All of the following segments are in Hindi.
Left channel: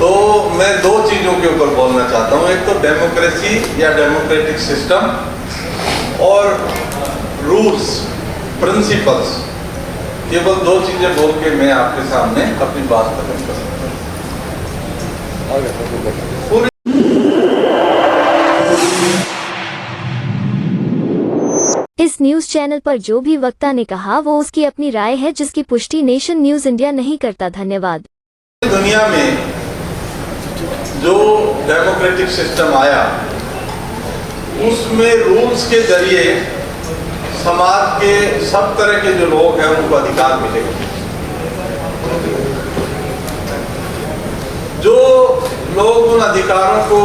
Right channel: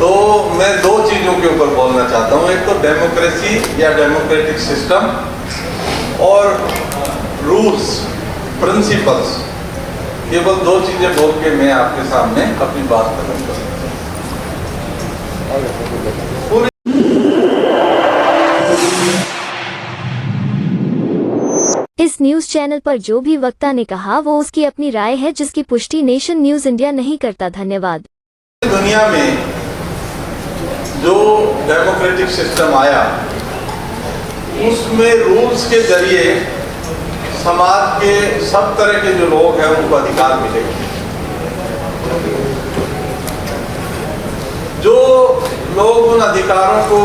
तो मैं दो चीज़ों के ऊपर बोलना चाहता हूँ। एक तो डेमोक्रेसी या डेमोक्रेटिक सिस्टम और रूल्स प्रिंसिपल्स। केवल दो चीज़ें बोल के मैं आपके सामने अपनी बात खत्म करूँगा। इस न्यूज चैनल पर जो भी वक्ता ने कहा वो उसकी अपनी राय है, जिसकी पुष्टि नेशन न्यूज इंडिया नहीं करता। धन्यवाद। दुनिया में जो डेमोक्रेटिक सिस्टम आया उसमें रूल्स के जरिए समाज के सब तरह के जो लोग हैं उनको अधिकार मिलेंगे। जो लोग उन अधिकारों को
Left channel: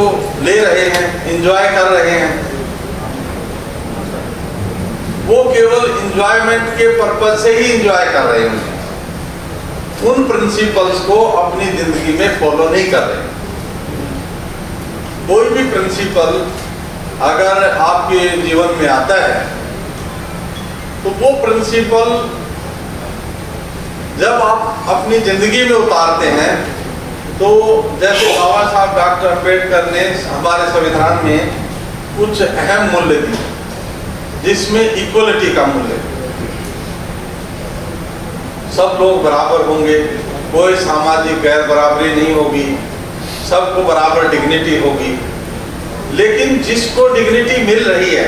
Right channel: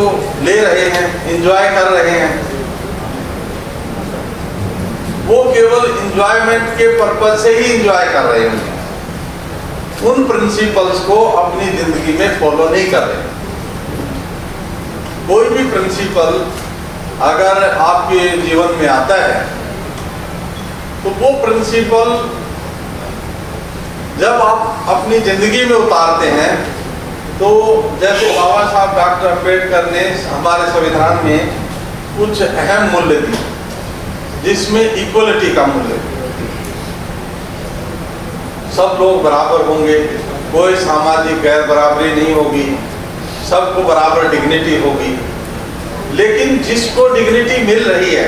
ले रहे हैं, एंजॉय कर रहे हैं, वो केवल एंजॉयमेंट के पर्पज से ही एंजॉय कर रहे हैं, उन प्रिंसिपल्स को अपनी जिंदगी में फॉलो नहीं कर रहे। कोई भी प्रिंसिपल अगर आपके जीवन में आता है तो वो प्रिंसिपल जब आप अपनी जिंदगी में उतारते हैं तो जैसे बाबा साहब डॉक्टर अम्बेडकर ने हमारे संविधान में कुछ अहम मूल्य दिए, जिसमें इक्वलिटी का मूल्य, सब लोग बराबर होंगे, कोई सामाजिक गैर बराबरी नहीं होगी, सबको बराबर डिग्निटी होगी। लेकिन जिसको डिग्निटी मिल रही है,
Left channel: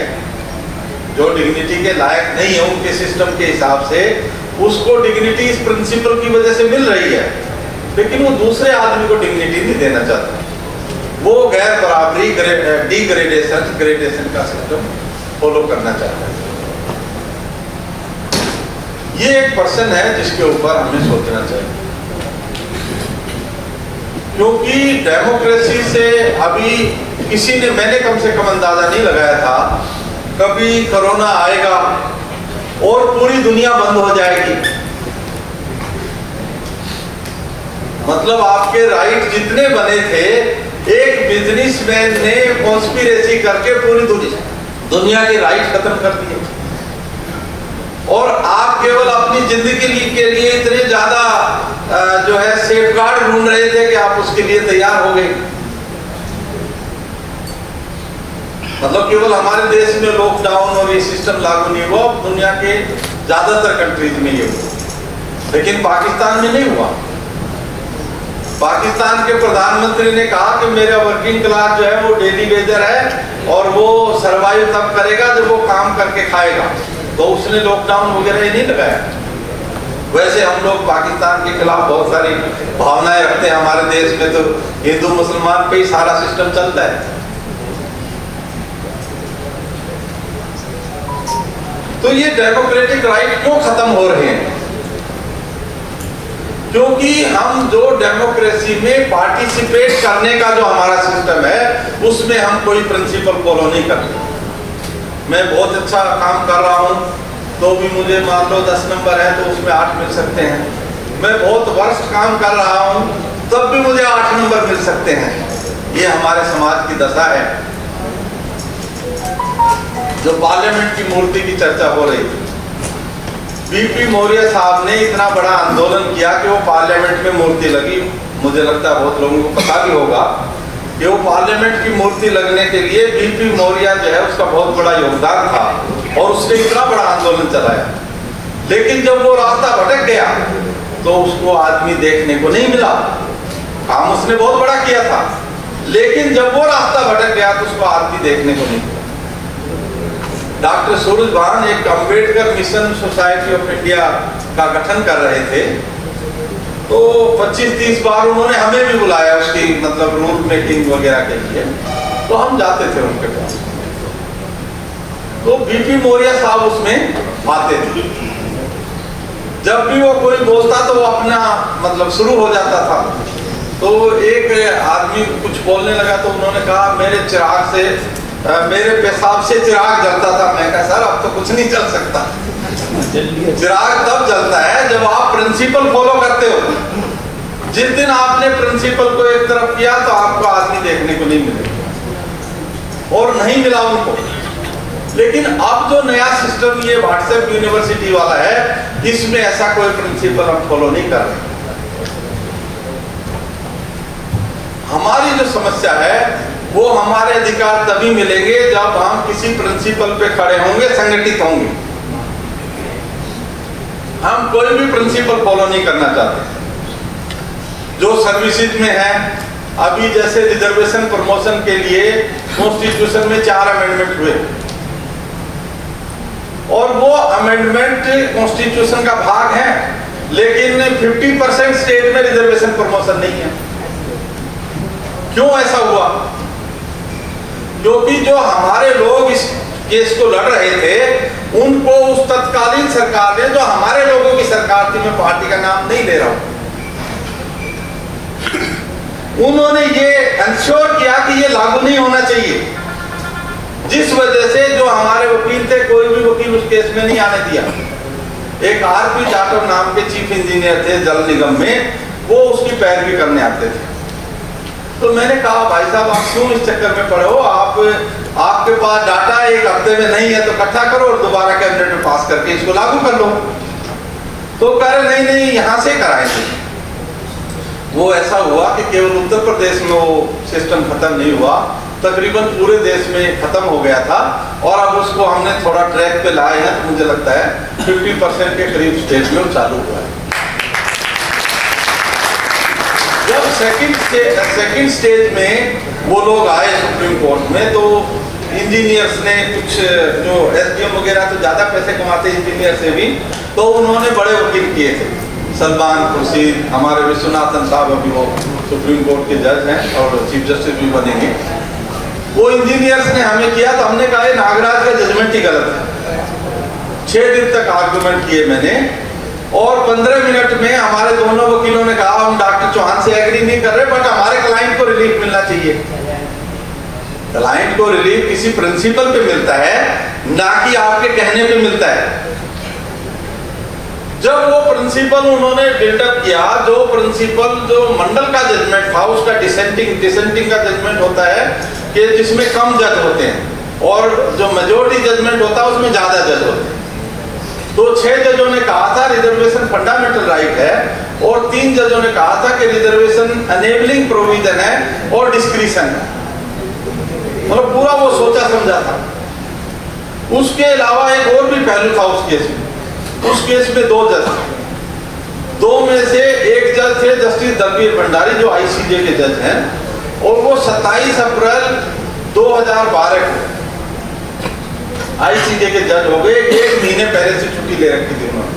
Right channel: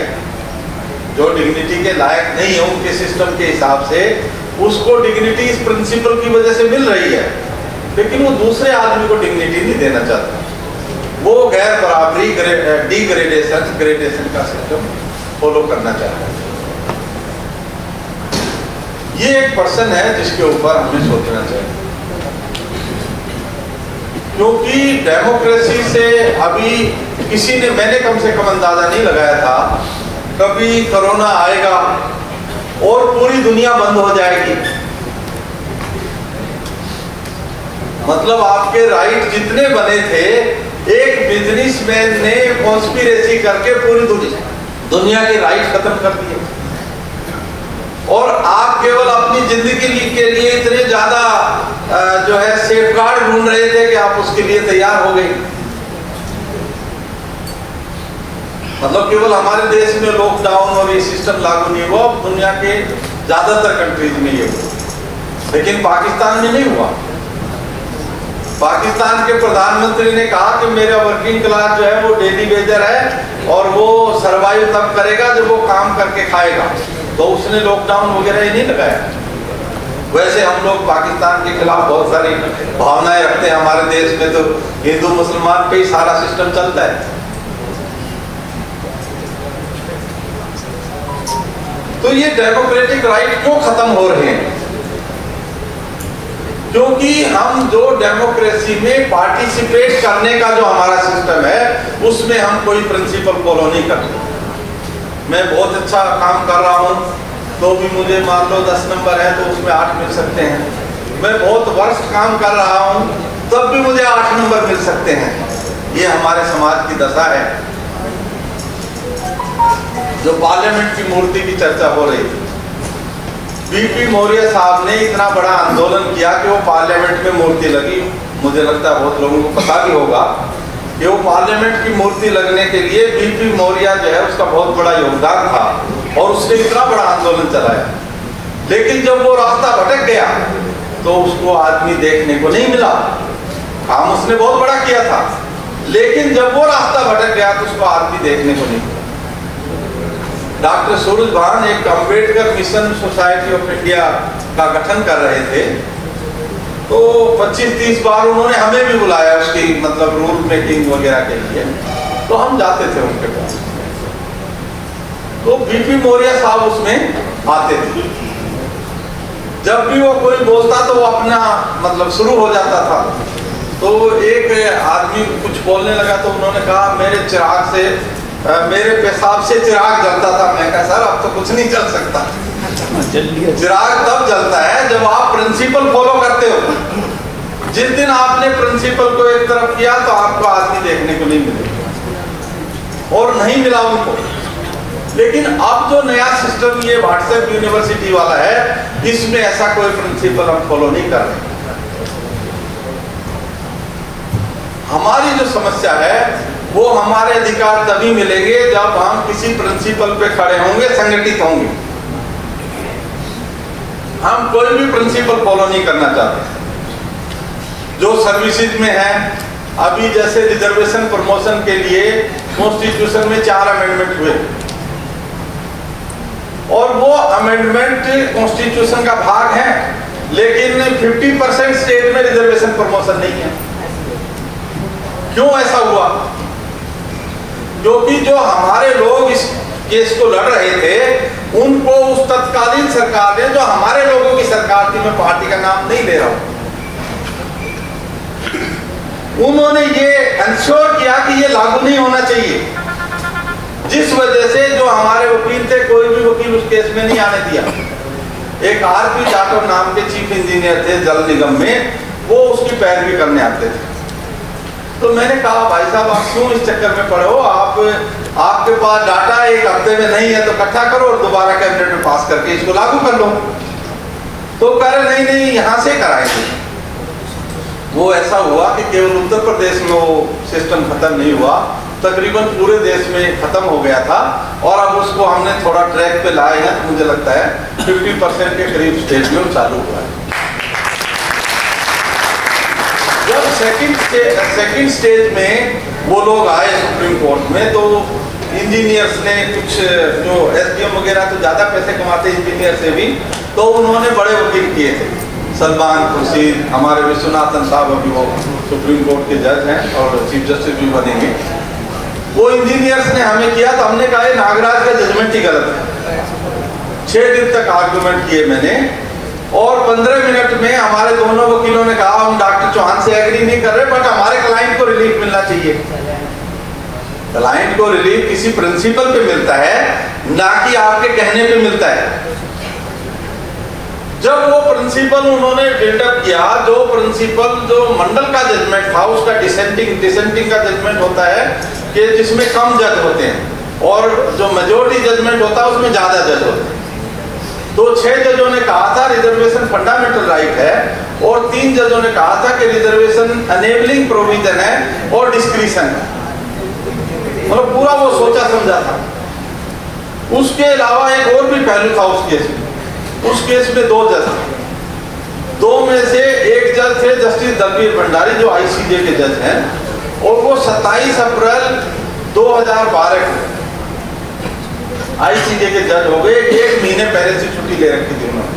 जो डिग्निटी के लायक नहीं है उनके सिस्टम के हिसाब से, उसको डिग्निटी इस प्रिंसिपल की वजह से मिल रही है, लेकिन वो दूसरे आदमी को डिग्निटी नहीं देना चाहता। वो गैर बराबरी ग्रेडेशन का सिस्टम फॉलो करना चाहता है। ये एक पर्सन है जिसके ऊपर हमें सोचना चाहिए, क्योंकि डेमोक्रेसी से अभी किसी ने, मैंने कम से कम अंदाजा नहीं लगाया था कभी कोरोना आएगा और पूरी दुनिया बंद हो जाएगी। मतलब आपके राइट जितने बने थे, एक बिजनेसमैन ने कॉन्स्पिरेसी करके पूरी दुनिया के राइट खत्म कर दिए, और आप केवल अपनी जिंदगी के लिए इतने ज्यादा जो है सेफगार्ड ढूंढ रहे थे कि आप उसके लिए तैयार हो गए। मतलब केवल हमारे देश में लॉकडाउन और ये सिस्टम लागू नहीं हुआ, दुनिया के ज्यादातर कंट्रीज में ये हुआ, लेकिन पाकिस्तान में नहीं हुआ। पाकिस्तान के प्रधानमंत्री ने कहा कि मेरा वर्किंग क्लास जो है वो डेली वेजर है और वो सर्वाइव तब करेगा जब वो काम करके खाएगा, तो उसने लॉकडाउन वगैरह ही नहीं लगाया। वैसे हम लोग पाकिस्तान के खिलाफ बहुत सारी भावनाएं रखते हैं। हमारे देश में तो हिंदू मुसलमान पे ही सारा सिस्टम चलता है। तो ये डेमोक्रेटिक राइट क्यों खत्म हो रहे हैं? क्योंकि हम जो डेमोक्रेसी में पार्टिसिपेट करने का जो हमारा सिस्टम है उसमें हम कोई प्रिंसिपल फॉलो नहीं करते। मैं बहुत अच्छा काम कर रहा हूँ तो भी मुझे मान लो 10 नंबर है तो उसमें 8 मिल सकते हैं। मैं बहुत वर्स्ट काम कर रहा हूँ तब भी मुझे 8 नंबर मिल सकते हैं। ये हमारे समाज की दशा है। जो पार्लियामेंट की मूर्ति की चर्चा हो रही थी, बीपी मौर्य साहब ने इतना बड़ा आंदोलन किया कि वो पार्लियामेंट में मूर्ति लगी। मुझे लगता है बहुत लोगों को पता भी होगा कि वो पार्लियामेंट की मूर्ति लगने के लिए बीपी मौर्य जो है उसका बहुत बड़ा योगदान था और उसने इतना बड़ा आंदोलन चलाया। लेकिन जब वो रास्ता भटक गया तो उसको आदमी देखने को नहीं मिला। काम उसने बहुत बड़ा किया था, लेकिन जब वो रास्ता भटक गया तो उसको आदमी देखने को नहीं मिला। डॉक्टर सूरजभान एक Ambedkar mission society of India का गठन कर रहे थे, तो 25-30 बार उन्होंने हमें भी बुलाया उसकी मतलब रूल मेकिंग वगैरह के लिए, तो हम जाते थे उनके पास। तो बीपी मौर्य साहब उसमें आते थे। जब भी वो कोई बोलता तो वो अपना मतलब शुरू हो जाता था। तो एक आदमी कुछ बोलने लगा तो उन्होंने कहा मेरे चिराग से, मेरे पेशाब से चिराग जलता था। मैं कहा सर अब तो कुछ नहीं चल सकता। चिराग तब जलता है जब आप प्रिंसिपल फॉलो करते हो। जिस दिन आपने प्रिंसिपल को एक तरफ किया तो आपको आदमी देखने को नहीं मिलेगा, और नहीं मिला उनको। लेकिन अब जो नया सिस्टम ये व्हाट्सएप यूनिवर्सिटी वाला है, इसमें ऐसा कोई प्रिंसिपल हम फॉलो नहीं कर रहे। हमारी जो समस्या है वो हमारे अधिकार तभी मिलेंगे जब हम किसी प्रिंसिपल पे खड़े होंगे, संगठित होंगे। हम कोई भी प्रिंसिपल फॉलो नहीं करना चाहते जो सर्विसेज में है। अभी जैसे रिजर्वेशन प्रमोशन के लिए कॉन्स्टिट्यूशन में 4 अमेंडमेंट हुए और वो अमेंडमेंट कॉन्स्टिट्यूशन का भाग है, लेकिन 50% स्टेट में रिजर्वेशन प्रमोशन नहीं है। क्यों ऐसा हुआ? क्योंकि जो हमारे लोग इस केस को लड़ रहे थे उनको उस तत्कालीन सरकार ने, जो हमारे लोगों की सरकार थी, मैं पार्टी का नाम नहीं ले रहा हूं, उन्होंने ये इंश्योर किया कि ये लागू नहीं होना चाहिए, जिस वजह से जो हमारे वकील थे कोई भी वकील उस केस में नहीं आने दिया। एक आरपी जाटव नाम के चीफ इंजीनियर थे जल निगम में, वो उसकी पैरवी करने आते थे। तो मैंने कहा भाई साहब आप क्यों इस चक्कर में पड़े हो, आपके पास डाटा एक हफ्ते में नहीं है तो इकट्ठा करो और दोबारा कैबिनेट में पास करके इसको लागू कर लो। तो कह रहे नहीं यहाँ से कराएंगे। वो ऐसा हुआ कि केवल उत्तर प्रदेश में वो सिस्टम खत्म नहीं हुआ, तकरीबन पूरे देश में खत्म हो गया था और अब उसको हमने थोड़ा ट्रैक पे लाए हैं। तो मुझे लगता है 50% के करीब स्टेट में चालू हुआ है। जब सेकंड स्टेज में वो लोग आए सुप्रीम कोर्ट में, तो इंजीनियर्स ने कुछ, जो एसडीएम वगैरह तो ज्यादा पैसे कमाते इंजीनियर से भी, तो उन्होंने बड़े वकील किए थे, सलमान खुर्शीद, हमारे विश्वनाथन साहब अभी वो सुप्रीम कोर्ट के जज हैं और चीफ जस्टिस भी बनेंगे। वो इंजीनियर्स ने हमें किया तो हमने कहा नागराज का जजमेंट ही गलत है। 6 दिन तक आर्गुमेंट किए मैंने और 15 मिनट में हमारे दोनों वकीलों ने कहा हम डॉक्टर चौहान से एग्री नहीं कर रहे, बट हमारे क्लाइंट को रिलीफ मिलना चाहिए। क्लाइंट को रिलीफ किसी प्रिंसिपल पे मिलता है, ना कि आपके कहने पे मिलता है। जब वो प्रिंसिपल उन्होंने बिल्डअप किया, जो प्रिंसिपल जो मंडल का जजमेंट था उसका डिसेंटिंग का जजमेंट होता है कि जिसमें कम जज होते हैं और जो मेजोरिटी जजमेंट होता है उसमें ज्यादा जज होते हैं। तो 6 जजों ने कहा था रिजर्वेशन फंडामेंटल राइट है और 3 जजों ने कहा था कि रिजर्वेशन एनेबलिंग प्रोविजन है और डिस्क्रिशन है। मतलब पूरा वो सोचा समझा था। उसके अलावा एक और भी पहलू था उस केस में। उस केस में 2 जज थे, 2 में से एक जज थे जस्टिस दलबीर भंडारी जो आईसीजे के जज हैं, और वो 27 अप्रैल 2012 को आईसीजे के जज हो गए। 1 महीने पहले से छुट्टी ले रखी थी उन्होंने।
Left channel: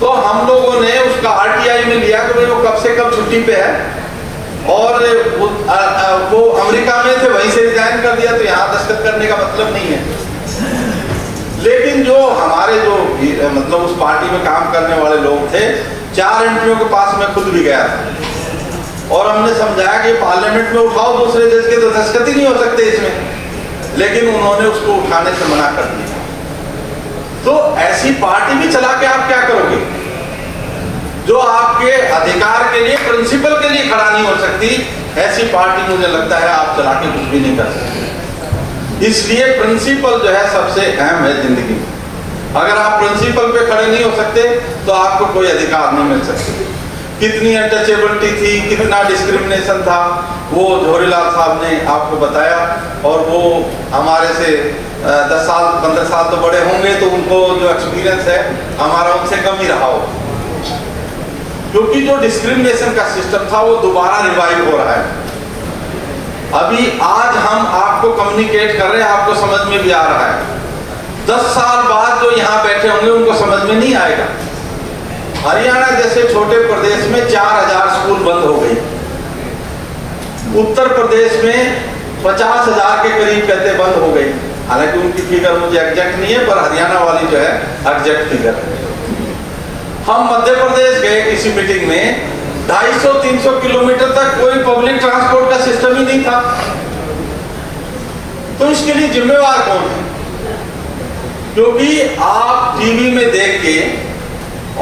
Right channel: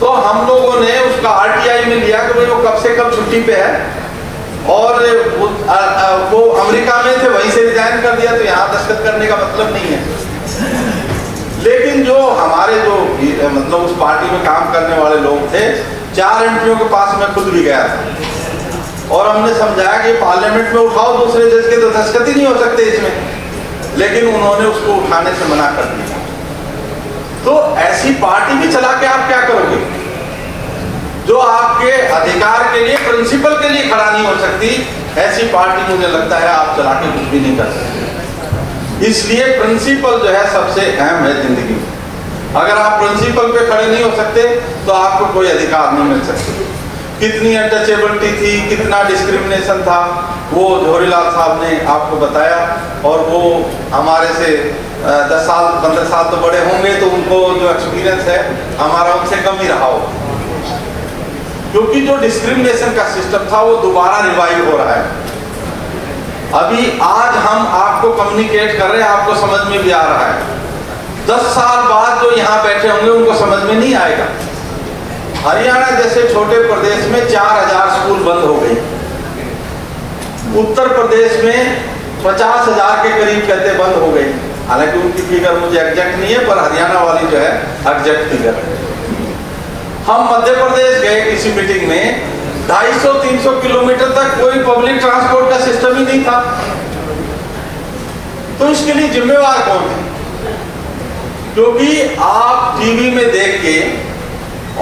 तो हम लोगों ने उसका आरटीआई में लिया कि भाई वो कब से कब छुट्टी पे है, और वो अमेरिका में थे, वहीं से रिजाइन कर दिया, तो यहाँ दस्तखत करने का मतलब नहीं है। लेकिन जो हमारे जो मतलब उस पार्टी में काम करने वाले लोग थे, 4 एमपीओ के पास मैं खुद भी गया था और हमने समझाया कि पार्लियामेंट में उठाओ, दूसरे जज के तो दस्तखत ही नहीं हो सकते इसमें, लेकिन उन्होंने उसको उठाने से मना कर दिया। तो ऐसी पार्टी भी चला के आप क्या करोगे जो आपके अधिकार के लिए, प्रिंसिपल के लिए खड़ा नहीं हो सकती? ऐसी पार्टी मुझे लगता है आप चला के कुछ भी नहीं कर सकते। इसलिए प्रिंसिपल जो है सबसे अहम है जिंदगी में। अगर आप प्रिंसिपल पे खड़े नहीं हो सकते तो आपको कोई अधिकार नहीं मिल सकते। कितनी अनटचेबिलिटी थी, कितना डिस्क्रिमिनेशन था, वो झोरीलाल साहब ने आपको बताया। और वो हमारे से 10 साल 15 साल तो बड़े होंगे, तो उनको जो एक्सपीरियंस है हमारा उनसे कम ही रहा हो, क्योंकि जो डिस्क्रिमिनेशन का सिस्टम था वो दोबारा रिवाइव हो रहा है। अभी आज हम आपको कम्युनिकेट कर रहे हैं, आपको समझ में भी आ रहा है। 10 साल बाद जो यहाँ बैठे होंगे उनको समझ में नहीं आएगा। हरियाणा जैसे छोटे प्रदेश में 4000 स्कूल बंद हो गए, उत्तर प्रदेश में 50,000 के करीब कहते बंद हो गई। हालांकि उनकी फिगर मुझे एग्जैक्ट नहीं है, पर हरियाणा वाली जो है एग्जैक्ट फिगर है। हम मध्य प्रदेश गए किसी मीटिंग में, 250-300 किलोमीटर तक कोई पब्लिक ट्रांसपोर्ट का सिस्टम ही नहीं था। तो इसके लिए जिम्मेवार कौन है? क्योंकि आप टीवी में देख के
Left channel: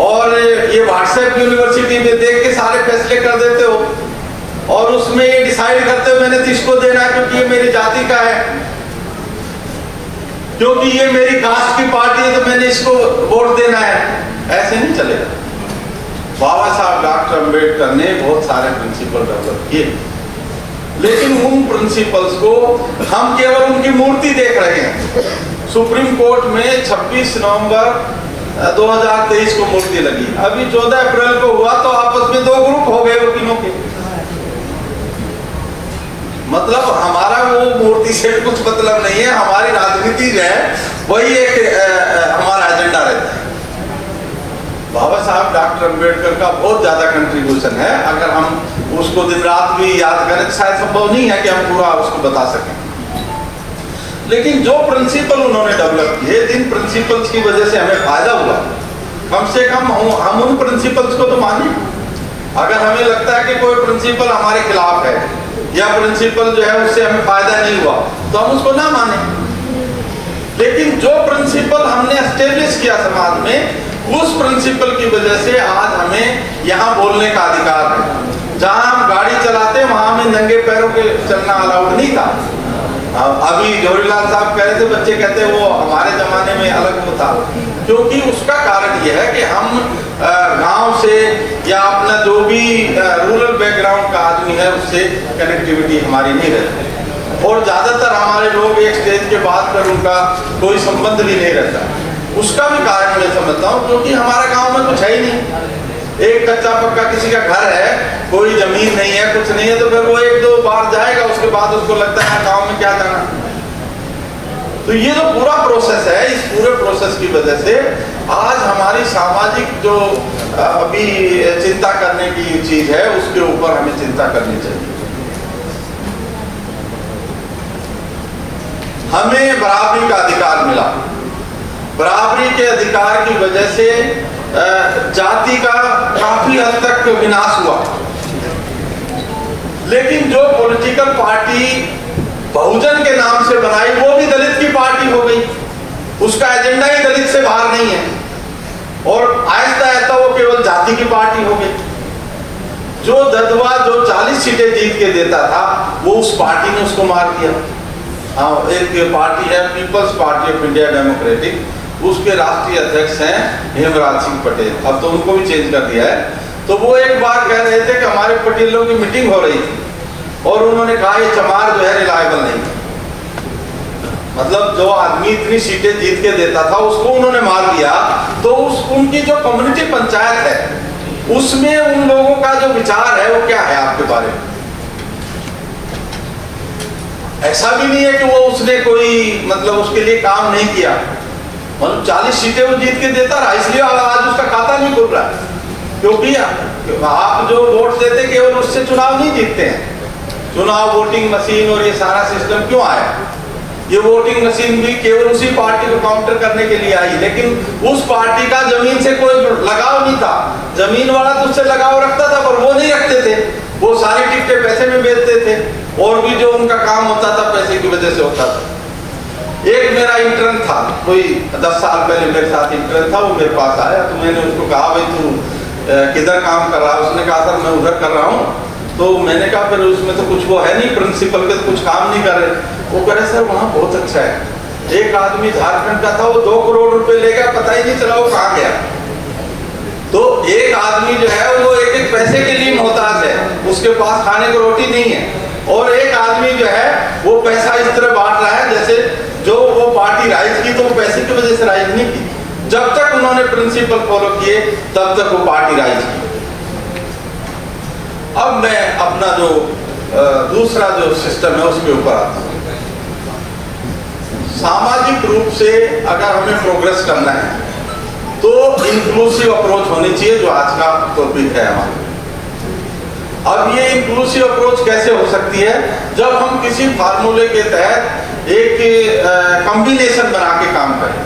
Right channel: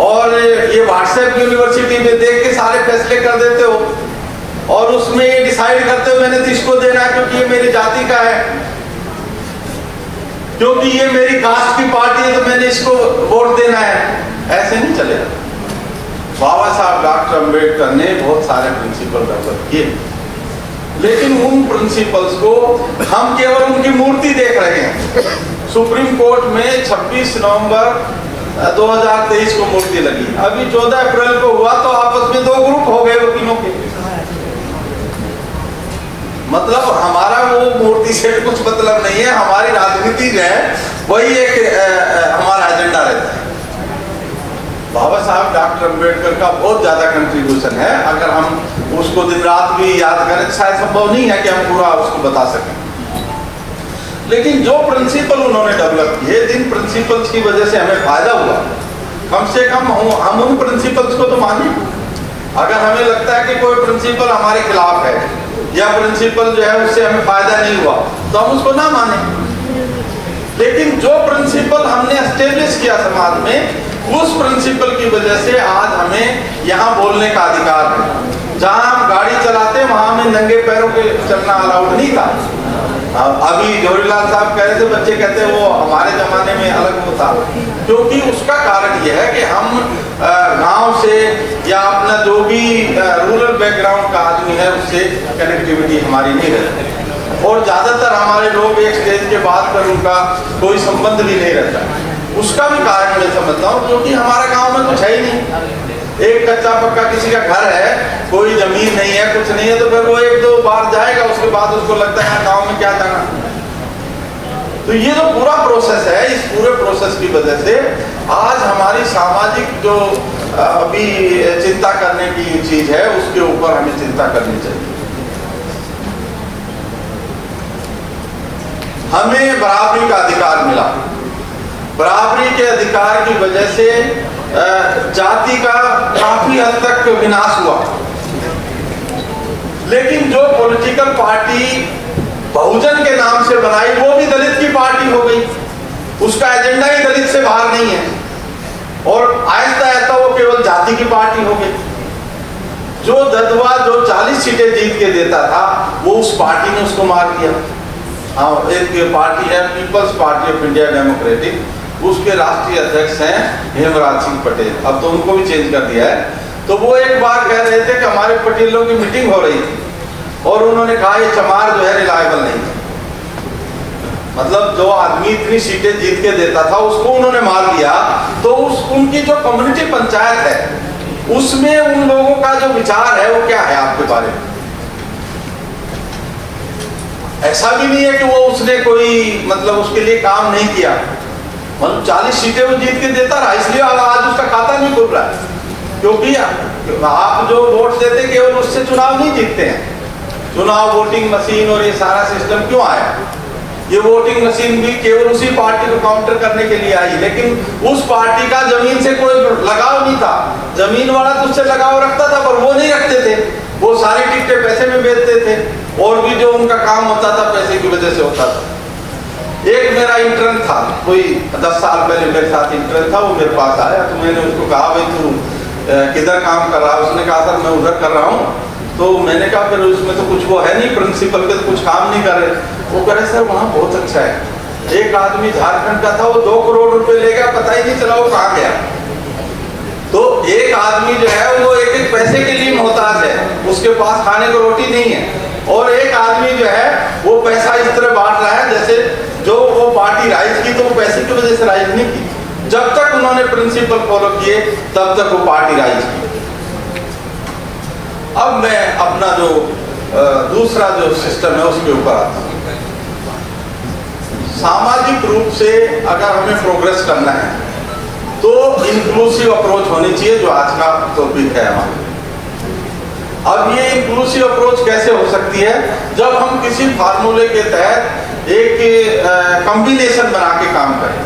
और ये व्हाट्सएप यूनिवर्सिटी में देख के सारे फैसले कर देते हो और उसमें ये डिसाइड करते हो मैंने तो इसको देना है क्योंकि ये मेरी जाति का है, क्योंकि ये मेरी कास्ट की पार्टी है तो मैंने इसको वोट देना है। ऐसे नहीं चलेगा। बाबा साहब डॉक्टर अंबेडकर ने बहुत सारे प्रिंसिपल डेवलप किए, लेकिन उन प्रिंसिपल्स को हम केवल उनकी मूर्ति देख रहे हैं। सुप्रीम कोर्ट में 26 नवंबर 2023 को मूर्ति लगी, अभी 14 अप्रैल को हुआ तो आपस में 2 ग्रुप हो गए वकीलों के। मतलब हमारा वो मूर्ति से कुछ मतलब नहीं है, हमारी राजनीति जो है वही एक हमारा एजेंडा रहता है। बाबा साहब डॉक्टर अंबेडकर का बहुत ज्यादा कंट्रीब्यूशन है, अगर हम उसको दिन रात भी याद करें शायद संभव नहीं है कि हम पूरा उसको बता सकें। लेकिन जो प्रिंसिपल उन्होंने डेवलप किए, जिन प्रिंसिपल्स की वजह से हमें फायदा हुआ, कम से कम हम उन प्रिंसिपल्स को तो माने। अगर हमें लगता है कि कोई प्रिंसिपल हमारे खिलाफ है या प्रिंसिपल जो है उससे हमें फायदा नहीं हुआ तो हम उसको ना माने। लेकिन जो प्रिंसिपल हमने एस्टेब्लिश किया समाज में, उस प्रिंसिपल की वजह से आज हमें यहाँ बोलने का अधिकार है। जहाँ हम गाड़ी चलाते वहां हमें नंगे पैरों के चलना अलाउड नहीं था। अभी जवाहरलाल साहब कह रहे थे, बच्चे कहते हैं वो हमारे जमाने में अलग वो था, क्योंकि उसका कारण ये है कि हम गांव से या अपना जो भी रूरल बैकग्राउंड का आदमी है उससे कनेक्टिविटी हमारी नहीं रहती, और ज्यादातर हमारे लोग एक स्टेज के बाद फिर उनका कोई संबंध भी नहीं रहता। उसका भी कारण मैं समझता हूँ, क्योंकि हमारा गांव में कुछ है ही नहीं। एक कच्चा पक्का किसी का घर है, कोई जमीन नहीं है, कुछ नहीं है, तो फिर वो 1-2 बार जाएगा, उसके बाद उसको लगता है गांव में क्या जाना। तो ये जो पूरा प्रोसेस है, इस पूरे प्रोसेस की वजह से आज हमारी सामाजिक जो अभी चिंता करने की चीज है उसके ऊपर हमें चिंता करनी चाहिए। हमें बराबरी का अधिकार मिला। बराबरी के अधिकार की वजह से जाति का काफी हद तक विनाश हुआ, लेकिन जो पॉलिटिकल पार्टी बहुजन के नाम से बनाई वो भी दलित की पार्टी हो गई। उसका एजेंडा ही दलित से बाहर नहीं है, और आहिस्ता आहिस्ता वो केवल जाति की पार्टी हो गई। जो ददवा जो 40 सीटें जीत के देता था, वो उस पार्टी ने उसको मार दिया। हाँ, एक पार्टी है people's party of India democratic, उसके राष्ट्रीय अध्यक्ष हैं हेमराज सिंह पटेल, अब तो उनको भी चेंज कर दिया है। तो वो एक बार कह रहे थे कि हमारे पटेलों की मीटिंग हो रही थी और उन्होंने कहा ये चमार जो है रिलायबल नहीं है। मतलब जो आदमी इतनी सीटें जीत के देता था उसको उन्होंने मार दिया। तो उनकी जो कम्युनिटी पंचायत है उसमें उन लोगों का जो विचार है वो क्या है आपके बारे में? ऐसा भी नहीं है कि वो उसने कोई मतलब उसके लिए काम नहीं किया, मतलब 40 सीटें वो जीत के देता रहा, इसलिए आज उसका खाता नहीं खुल रहा है। क्योंकि आप जो वोट देते केवल उससे चुनाव नहीं जीतते हैं। चुनाव वोटिंग मशीन और ये सारा सिस्टम क्यों आया? ये वोटिंग मशीन भी केवल उसी पार्टी को काउंटर करने के लिए आई, लेकिन उस पार्टी का जमीन से कोई लगाव नहीं था। जमीन वाला तो उससे लगाव रखता था, पर वो नहीं रखते थे, वो सारी टिकटें पैसे में बेचते थे, और भी जो उनका काम होता था पैसे की वजह से होता था। एक मेरा इंटर्न था, कोई 10 साल पहले मेरे साथ इंटर्न था, वो मेरे पास आया तो मैंने उसको कहा भाई तू किधर काम कर रहा है? उसने कहा सर मैं उधर कर रहा हूँ। तो मैंने कहा फिर उसमें तो कुछ वो है नहीं, प्रिंसिपल के तो कुछ काम नहीं कर रहे। वो कह रहे सर वहाँ बहुत अच्छा है। एक आदमी झारखंड का था, वो 2 करोड़ रुपए ले गया, पता ही नहीं चला वो कहाँ गया। तो एक आदमी जो है वो एक पैसे के लिए मोहताज है, उसके पास खाने को रोटी नहीं है, और एक आदमी जो है वो पैसा इस तरह बांट रहा है जैसे जो वो पार्टी राइज की तो वो पैसे की वजह से राइज नहीं की। जब तक उन्होंने प्रिंसिपल फॉलो किए तब तक वो पार्टी राइज की। अब मैं अपना जो दूसरा जो सिस्टम है उसके ऊपर आता हूँ। सामाजिक रूप से अगर हमें प्रोग्रेस करना है तो इंक्लूसिव अप्रोच होनी चाहिए, जो आज का टॉपिक है हमारा। अब ये इंक्लूसिव अप्रोच कैसे हो सकती है? जब हम किसी फार्मूले के तहत एक कॉम्बिनेशन बना के काम करें।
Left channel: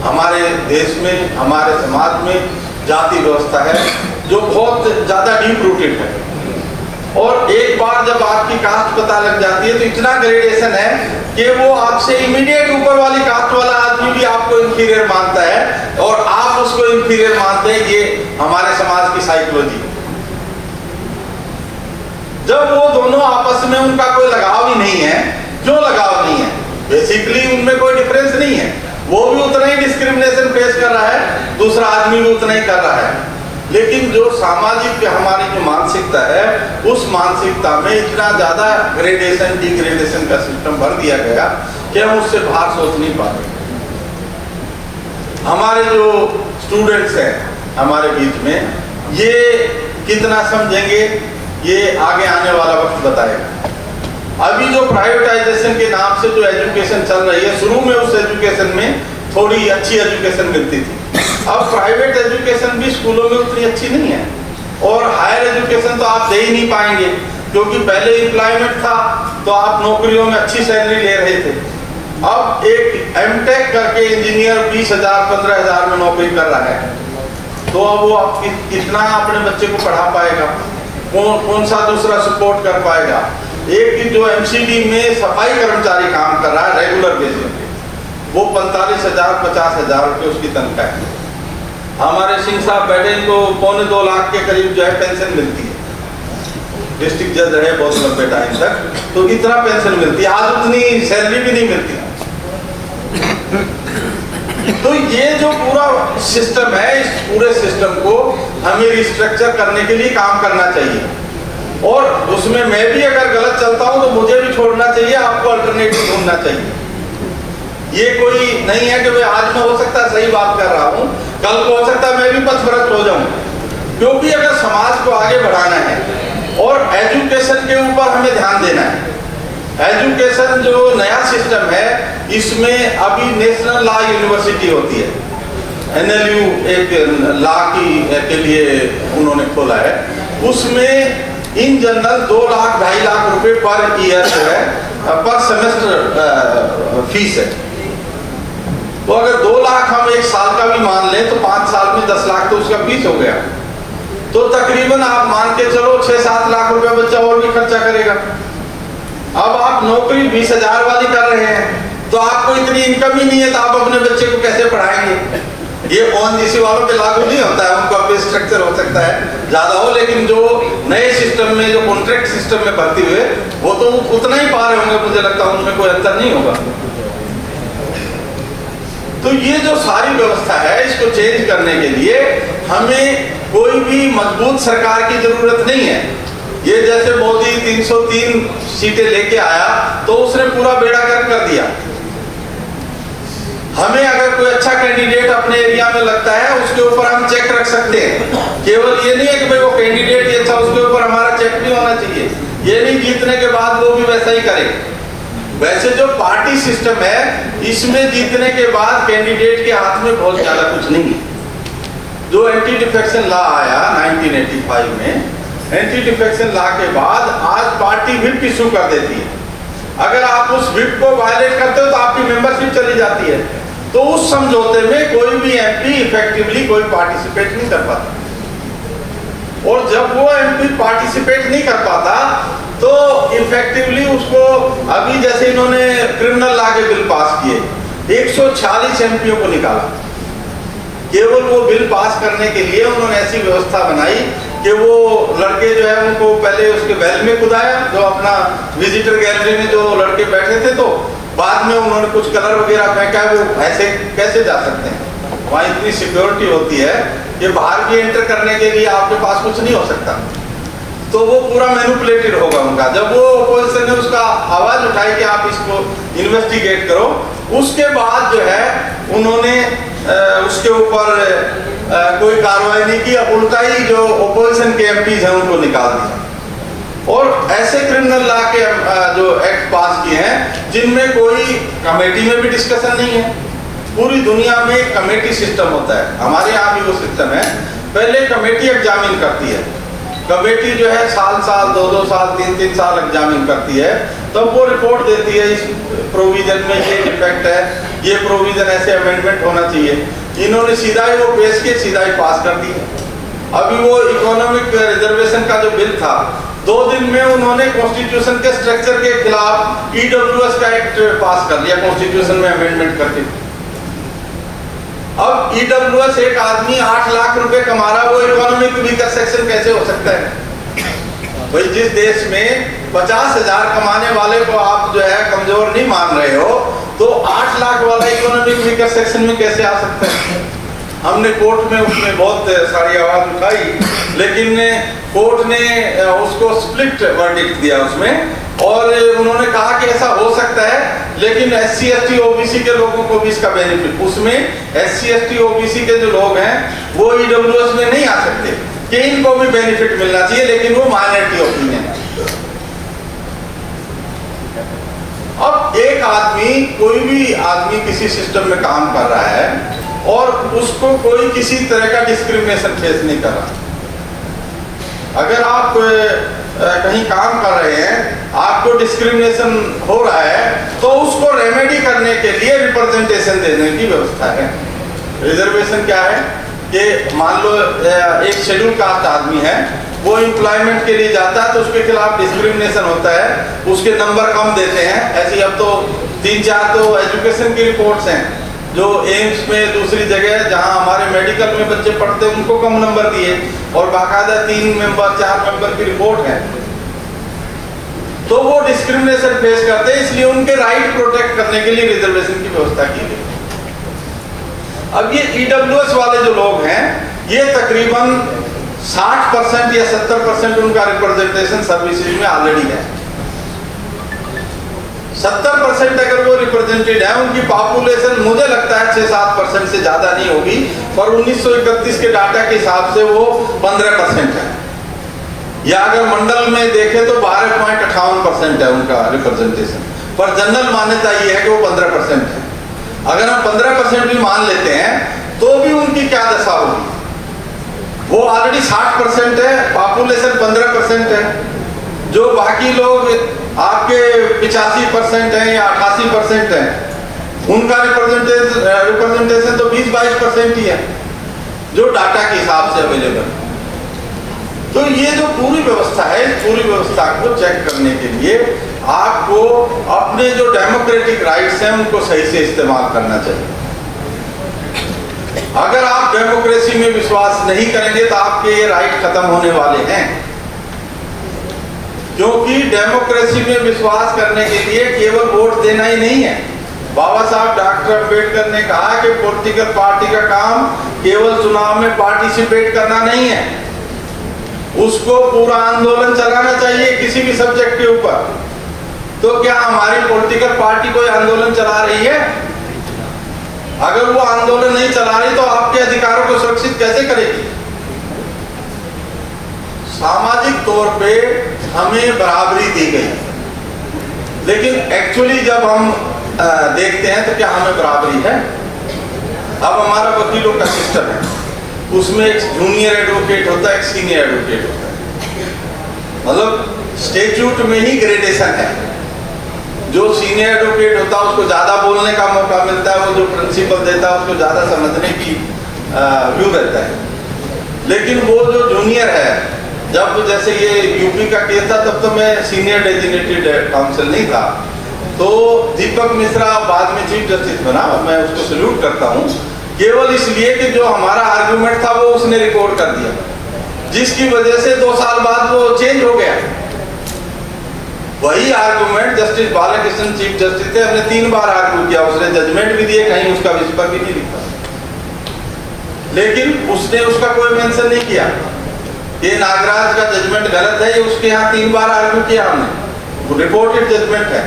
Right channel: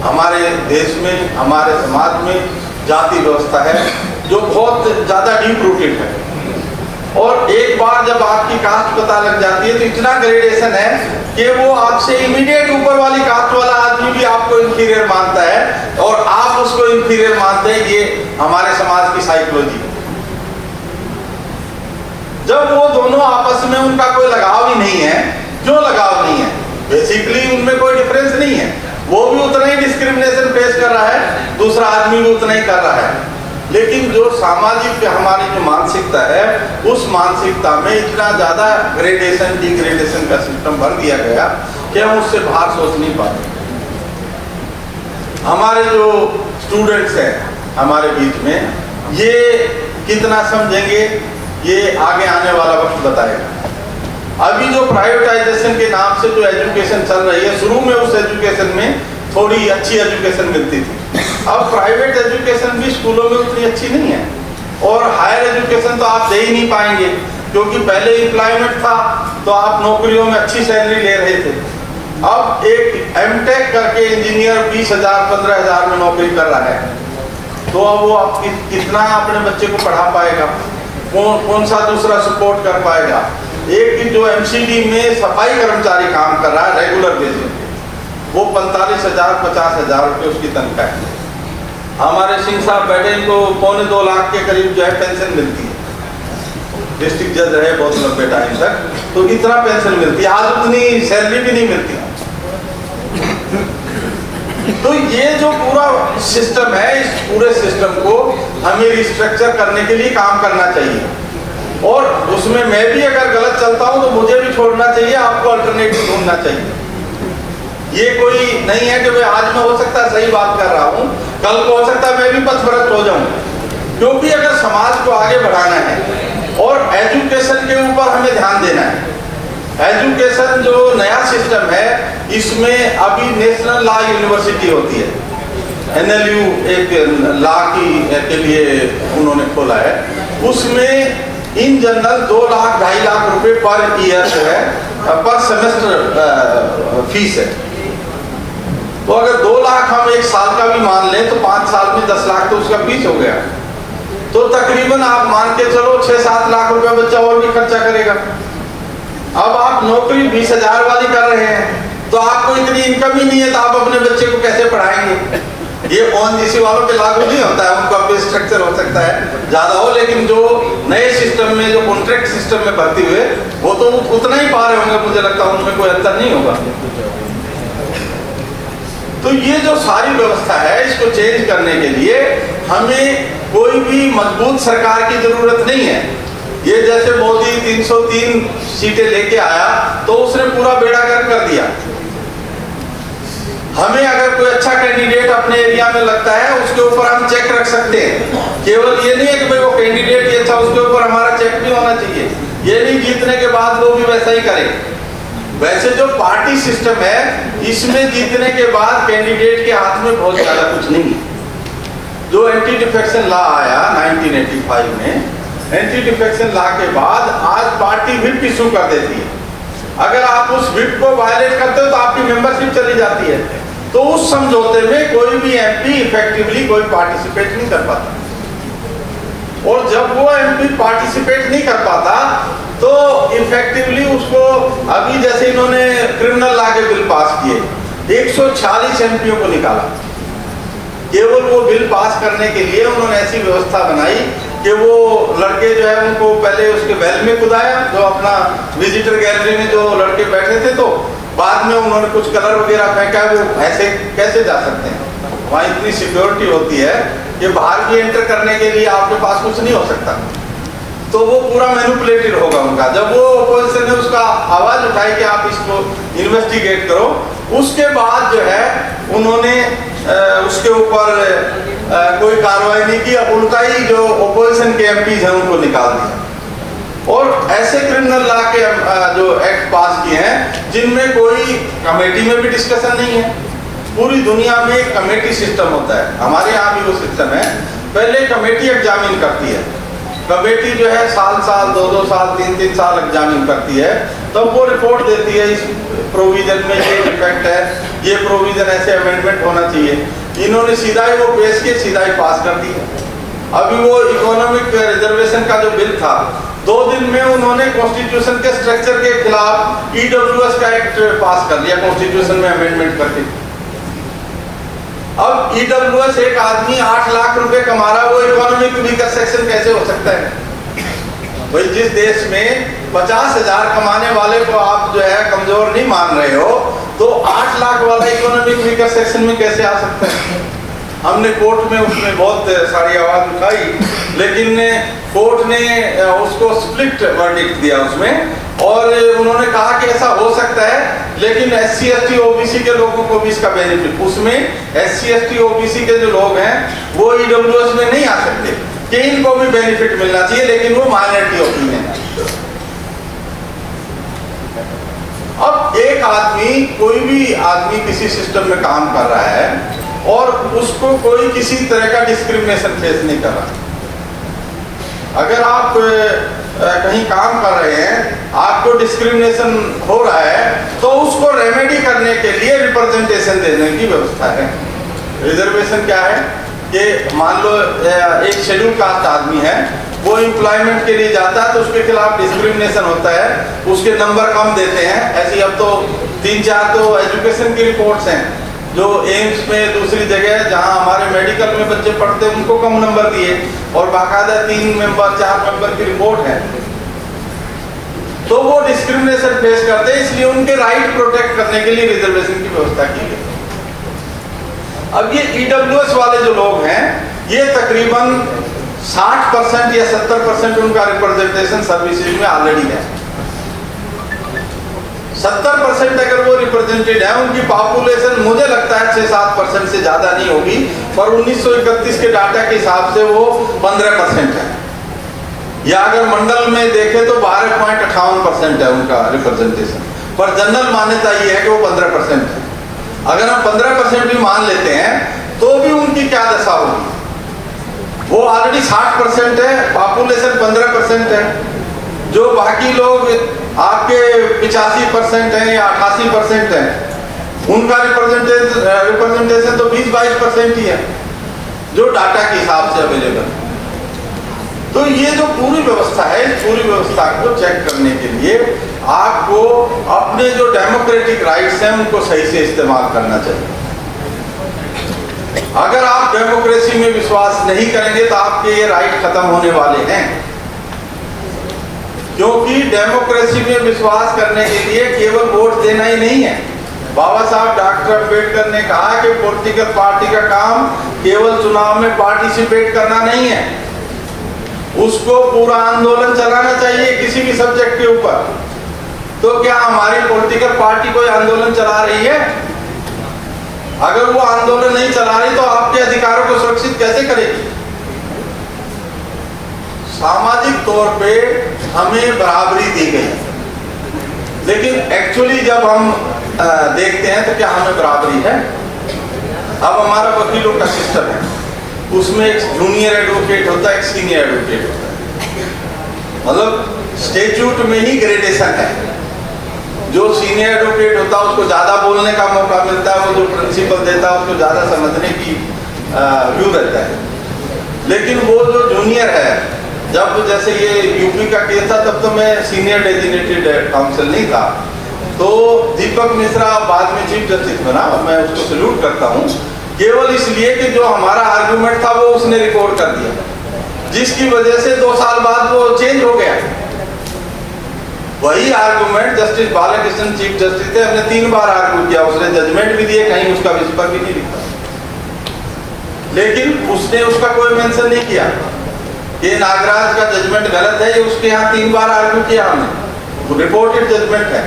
हमारे देश में, हमारे समाज में जाति व्यवस्था है जो बहुत ज्यादा डीप रूटेड है, और एक बार जब आपकी कास्ट पता लग जाती है तो इतना ग्रेडेशन है कि वो आपसे इमीडिएट ऊपर वाली कास्ट वाला आदमी भी आपको इंफीरियर मानता है और आप उसको इंफीरियर मानते हैं। ये हमारे समाज की साइकोलॉजी है। जब वो दोनों आपस में उनका कोई लगाव ही नहीं है, क्यों लगाव नहीं है? बेसिकली उनमें कोई डिफरेंस नहीं है, वो भी उतना ही डिस्क्रिमिनेशन फेस कर रहा है, दूसरा आदमी भी उतना ही कर रहा है। लेकिन जो सामाजिक हमारी जो मानसिकता है, उस मानसिकता में इतना ज़्यादा ग्रेडेशन डिग्रेडेशन का सिस्टम भर दिया गया कि हम उससे बाहर सोच नहीं पाते। हमारे जो स्टूडेंट्स हैं हमारे बीच में, ये कितना समझेंगे ये आगे आने वाला वक्त बताएगा। अभी जो प्राइवेटाइजेशन के नाम से जो एजुकेशन चल रही है, शुरू में उस एजुकेशन में थोड़ी अच्छी एजुकेशन मिलती थी, अब प्राइवेट एजुकेशन भी स्कूलों में उतनी अच्छी नहीं है, और हायर एजुकेशन तो आप दे ही नहीं पाएंगे, क्योंकि पहले एम्प्लॉयमेंट था तो आप नौकरियों में अच्छी सैलरी ले रहे थे। अब एक एमटेक करके इंजीनियर 20,000 15,000 में नौकरी कर रहा है, तो अब वो आप कितना अपने बच्चे को पढ़ा पाएगा, कौन सा दूसरा सपोर्ट कर पाएगा। एक जो एमसीडी में सफाई कर्मचारी काम कर रहा है रेगुलर बेसिस पे, वो 45,000 50,000 रुपये उसकी तनख्वाह है। हमारे सिंह साहब बैठे, इनको 2.25 लाख के करीब जो है पेंशन मिलती है, डिस्ट्रिक्ट जज रहे बहुत लंबे टाइम तक, तो इतना पेंशन मिलती है, आज उतनी सैलरी भी नहीं मिलती। तो ये जो पूरा सिस्टम है, इस पूरे सिस्टम को हमें रिस्ट्रक्चर करने के लिए काम करना चाहिए, और उसमें मैं भी अगर गलत चलता हूं तो मुझे भी छोड़ना चाहिए, आपको अल्टरनेटिव ढूंढना चाहिए। ये कोई नहीं है कि भाई आज मैं हो सकता है सही बात कर रहा हूं, कल को हो सकता है मैं भी पथभ्रष्ट हो जाऊं, क्योंकि अगर समाज को आगे बढ़ाना है और एजुकेशन के ऊपर हमें ध्यान देना है। एजुकेशन जो नया सिस्टम है, इसमें अभी नेशनल लॉ यूनिवर्सिटी होती है, NLU एक लॉ के लिए उन्होंने खोला है, उसमें इन जनरल 2 लाख 2.5 लाख रुपए पर ईयर जो है, पर सेमेस्टर फीस है। तो अगर 2 लाख हम एक साल का भी मान लें तो 5 साल में 10 लाख तो उसका फीस हो गया, तो तकरीबन आप मान के चलो 6-7 लाख रुपए बच्चा और भी खर्चा करेगा। अब आप नौकरी 20,000 वाली कर रहे हैं, तो आपको इतनी इनकम ही नहीं है, तो आप अपने बच्चे को कैसे पढ़ाएंगे? ये ONGC वालों पे लागू नहीं होता है, उनका पे स्ट्रक्चर हो सकता है ज्यादा हो, लेकिन जो नए सिस्टम में, जो कॉन्ट्रैक्ट सिस्टम में भर्ती हुए, वो तो उतना ही पा रहे होंगे, मुझे लगता है उनमें कोई अंतर नहीं होगा। तो ये जो सारी व्यवस्था है, इसको चेंज करने के लिए हमें कोई भी मजबूत सरकार की जरूरत नहीं है। ये जैसे मोदी 303 सीटें लेके आया तो उसने पूरा बेड़ा गर्क कर दिया। हमें अगर कोई अच्छा कैंडिडेट अपने एरिया में लगता है, उसके ऊपर हम चेक रख सकते हैं। केवल ये नहीं है कि भाई वो कैंडिडेट ही अच्छा, उसके ऊपर हमारा चेक भी होना चाहिए। ये नहीं जीतने के बाद वो भी वैसा ही करे। वैसे जो पार्टी सिस्टम है, इसमें जीतने के बाद कैंडिडेट के हाथ में बहुत ज्यादा कुछ नहीं है। जो एंटी डिफेक्शन लॉ आया 1985 में, एंटी डिफेक्शन लॉ के बाद आज पार्टी व्हिप इशू कर देती है। अगर आप उस व्हिप को वायलेट करते हो तो आपकी मेंबरशिप चली जाती है। तो उस समझौते में कोई भी MP इफेक्टिवली कोई पार्टिसिपेट नहीं कर पाता, और जब वो MP पार्टिसिपेट नहीं कर पाता तो इफेक्टिवली उसको, अभी जैसे इन्होंने क्रिमिनल लॉ के बिल पास किए, 146 MPओ को निकाला। केवल वो बिल पास करने के लिए उन्होंने ऐसी व्यवस्था बनाई कि वो लड़के जो है उनको पहले उसके वेल में कुदाया, जो अपना विजिटर गैलरी में जो लड़के बैठे थे, तो बाद में उन्होंने कुछ कलर वगैरह फेंका। वो ऐसे कैसे जा सकते हैं? वहाँ इतनी सिक्योरिटी होती है कि बाहर भी एंटर करने के लिए आपके पास कुछ नहीं हो सकता, तो वो पूरा मैनिपुलेटेड होगा उनका। जब वो अपोजिशन ने उसका आवाज उठाई कि आप इसको इन्वेस्टिगेट करो, उसके बाद जो है उन्होंने उसके ऊपर कोई कार्रवाई नहीं की, उल्टा ही जो अपोजिशन के MPs हैं उनको निकाल दिया। और ऐसे क्रिमिनल लॉ के जो एक्ट पास किए हैं जिनमें कोई कमेटी में भी डिस्कशन नहीं है। पूरी दुनिया में एक कमेटी सिस्टम होता है, हमारे यहाँ भी वो सिस्टम है। पहले कमेटी एग्जामिन करती है, कमेटी जो है साल 2 साल 3 साल एग्जामिन करती है, तब वो रिपोर्ट देती है इस प्रोविजन में ये डिफेक्ट है, ये प्रोविजन ऐसे अमेंडमेंट होना चाहिए। इन्होंने सीधा ही वो पेश के सीधा ही पास कर दिया। अभी वो इकोनॉमिक रिजर्वेशन का जो बिल था, 2 दिन में उन्होंने कॉन्स्टिट्यूशन के स्ट्रक्चर के खिलाफ EWS का एक्ट पास कर लिया, कॉन्स्टिट्यूशन में अमेंडमेंट करके। अब EWS एक आदमी 8 लाख रुपए कमा रहा, वो इकोनॉमिक वीकर सेक्शन कैसे हो सकता है? भाई जिस देश में 50,000 कमाने वाले को आप जो है कमजोर नहीं मान रहे हो, तो 8 लाख वाला इकोनॉमिक वीकर सेक्शन में कैसे आ सकता है? हमने कोर्ट में उसमें बहुत सारी आवाज उठाई, लेकिन कोर्ट ने उसको स्प्लिट वर्डिक्ट दिया उसमें, और उन्होंने कहा कि ऐसा हो सकता है, लेकिन SC ST OBC के लोगों को भी इसका बेनिफिट, उसमें SC ST OBC के जो लोग हैं वो EWS में नहीं आ सकते, कि इनको भी बेनिफिट मिलना चाहिए, लेकिन वो माइनॉरिटी ओपिनियन है। अब एक आदमी, कोई भी आदमी किसी सिस्टम में काम कर रहा है और उसको कोई किसी तरह का डिस्क्रिमिनेशन फेस नहीं कर रहा। अगर आप कहीं काम कर रहे हैं, आपको डिस्क्रिमिनेशन हो रहा है, तो उसको रेमेडी करने के लिए रिप्रेजेंटेशन देने की व्यवस्था है। रिजर्वेशन क्या है कि मान लो एक शेड्यूल कास्ट आदमी है, वो एम्प्लॉयमेंट के लिए जाता है तो उसके खिलाफ डिस्क्रिमिनेशन होता है, उसके नंबर कम देते हैं। ऐसी अब तो 3-4 तो एजुकेशन की रिपोर्ट्स हैं, जो एम्स में, दूसरी जगह जहां हमारे मेडिकल में बच्चे पढ़ते हैं उनको कम नंबर दिए, और बाकायदा 3 मेंबर 4 मेंबर की रिपोर्ट है। तो वो डिस्क्रिमिनेशन फेस करते हैं, इसलिए उनके राइट प्रोटेक्ट करने के लिए रिजर्वेशन की व्यवस्था की गई। अब ये EWS वाले जो लोग हैं, ये तकरीबन 60% या 70% उनका रिप्रेजेंटेशन सर्विसेज में ऑलरेडी है। 70% अगर वो रिप्रेजेंटेड है, उनकी पॉपुलेशन मुझे लगता है 6-7% से ज्यादा नहीं होगी, पर 1931 के डाटा के हिसाब से वो 15% है, या अगर मंडल में देखें तो 12.58% है उनका रिप्रेजेंटेशन, पर जनरल मान्यता ये है कि वो 15% है। अगर हम 15% भी मान लेते हैं तो भी उनकी क्या दशा होगी? वो ऑलरेडी 60% है, पॉपुलेशन 15% है, जो बाकी लोग आपके 85% हैं या 88% हैं, उनका रिप्रेजेंटेशन तो 20-22% ही है, जो डाटा के हिसाब से अवेलेबल है। तो ये जो पूरी व्यवस्था है, इस पूरी व्यवस्था को चेक करने के लिए आपको अपने जो डेमोक्रेटिक राइट्स हैं उनको सही से इस्तेमाल करना चाहिए। अगर आप डेमोक्रेसी में विश्वास नहीं करेंगे तो आपके ये राइट खत्म होने वाले हैं, क्योंकि डेमोक्रेसी में विश्वास करने के लिए केवल वोट देना ही नहीं है। बाबा साहब डॉक्टर अम्बेडकर ने कहा कि पॉलिटिकल पार्टी का काम केवल चुनाव में पार्टिसिपेट करना नहीं है, उसको पूरा आंदोलन चलाना चाहिए किसी भी सब्जेक्ट के ऊपर। तो क्या हमारी पॉलिटिकल पार्टी कोई आंदोलन चला रही है? अगर वो आंदोलन नहीं चला रही तो आपके अधिकारों को सुरक्षित कैसे करेगी? सामाजिक तौर पे हमें बराबरी दी गई, लेकिन एक्चुअली जब हम देखते हैं तो क्या हमें बराबरी है? अब हमारा वकीलों का सिस्टम है, उसमें एक जूनियर एडवोकेट होता है, एक सीनियर एडवोकेट होता है, मतलब स्टेट्यूट में ही ग्रेडेशन है। जो सीनियर एडवोकेट होता है उसको ज्यादा बोलने का मौका मिलता है, वो जो प्रिंसिपल देता है उसको ज्यादा समझने की व्यू रहता है। लेकिन वो जो जूनियर है, जब जैसे ये यूपी का केस था तब तो मैं सीनियर डेजिग्नेटेड काउंसिल नहीं था, तो दीपक मिश्रा बाद में चीफ जस्टिस बना, मैं उसको सैल्यूट करता हूँ, केवल इसलिए कि जो हमारा आर्गुमेंट था वो उसने रिकॉर्ड कर दिया, जिसकी वजह से 2 साल बाद वो चेंज हो गया। वही argument justice Balakrishnan chief justice थे, हमने 3 बार आर्ग्यू किया, उसने जजमेंट भी दिए, कहीं उसका विस्पर भी नहीं लिखा, लेकिन उसने उसका कोई मेंशन नहीं किया कि नागराज का जजमेंट गलत है। ये उसके यहाँ 3 बार आर्ग्यू किया हमने, रिपोर्टेड जजमेंट है।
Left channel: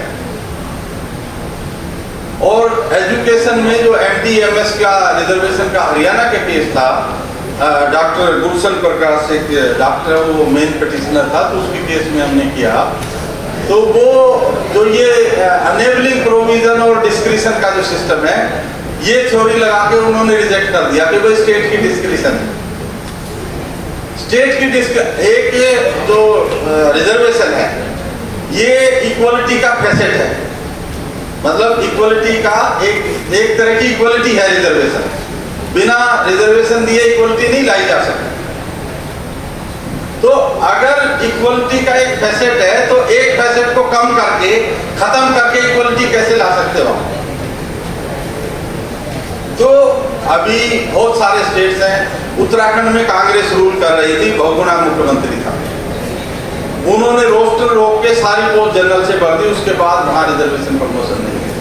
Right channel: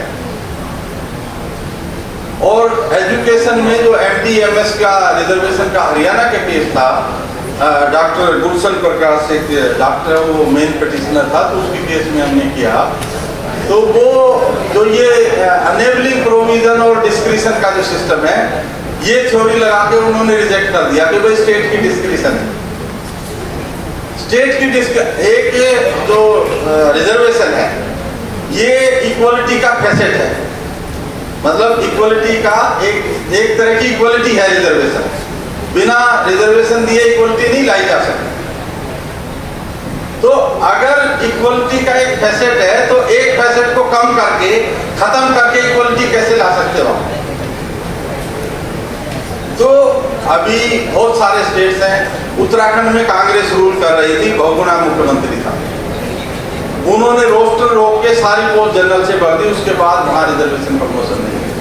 और एजुकेशन में जो MD/MS का रिजर्वेशन का हरियाणा का केस था, डॉक्टर गुलशन प्रकाश एक डॉक्टर, वो मेन पिटिशनर था, तो उसके केस में हमने किया, तो वो जो ये अनेबलिंग प्रोविजन और डिस्क्रिशन का जो सिस्टम है, ये थ्योरी लगा के उन्होंने रिजेक्ट कर दिया कि भाई स्टेट की डिस्क्रिशन है। स्टेट की एक जो रिजर्वेशन है ये इक्वलिटी का फैसेट है, मतलब इक्वलिटी का एक तरह की इक्वलिटी है रिजर्वेशन। बिना रिजर्वेशन दिए इक्वलिटी नहीं लाई जा सकती। तो अगर इक्वलिटी का एक फैसेट है तो एक फैसेट को कम करके, खत्म करके इक्वलिटी कैसे ला सकते हो? तो अभी बहुत सारे स्टेट्स हैं, उत्तराखंड में कांग्रेस रूल कर रही थी, बहुगुणा मुख्यमंत्री था, उन्होंने रोस्टर रोक के सारी पोस्ट जनरल से भर दी, उसके बाद वहां रिजर्वेशन प्रमोशन नहीं हुई।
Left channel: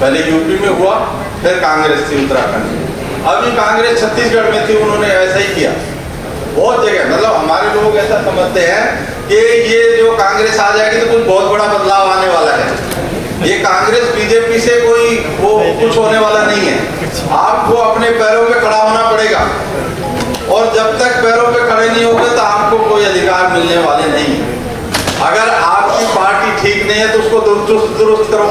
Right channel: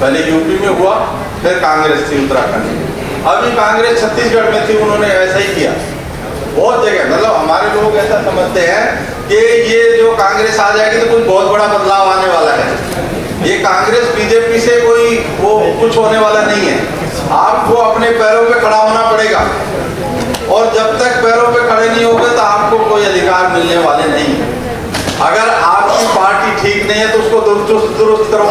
पहले यूपी में हुआ, फिर कांग्रेस थी उत्तराखंड में। अभी कांग्रेस छत्तीसगढ़ में थी, उन्होंने ऐसा ही किया बहुत जगह। मतलब हमारे लोग ऐसा समझते हैं कि ये जो कांग्रेस आ जाएगी तो कुछ बहुत बड़ा बदलाव आने वाला है। ये कांग्रेस बीजेपी से कोई वो कुछ होने वाला नहीं है। आपको अपने पैरों पे खड़ा होना पड़ेगा, और जब तक पैरों पे खड़े नहीं होगे तो आपको कोई अधिकार मिलने वाले नहीं है। अगर आपकी पार्टी ठीक नहीं है तो उसको दुरुस्त करो,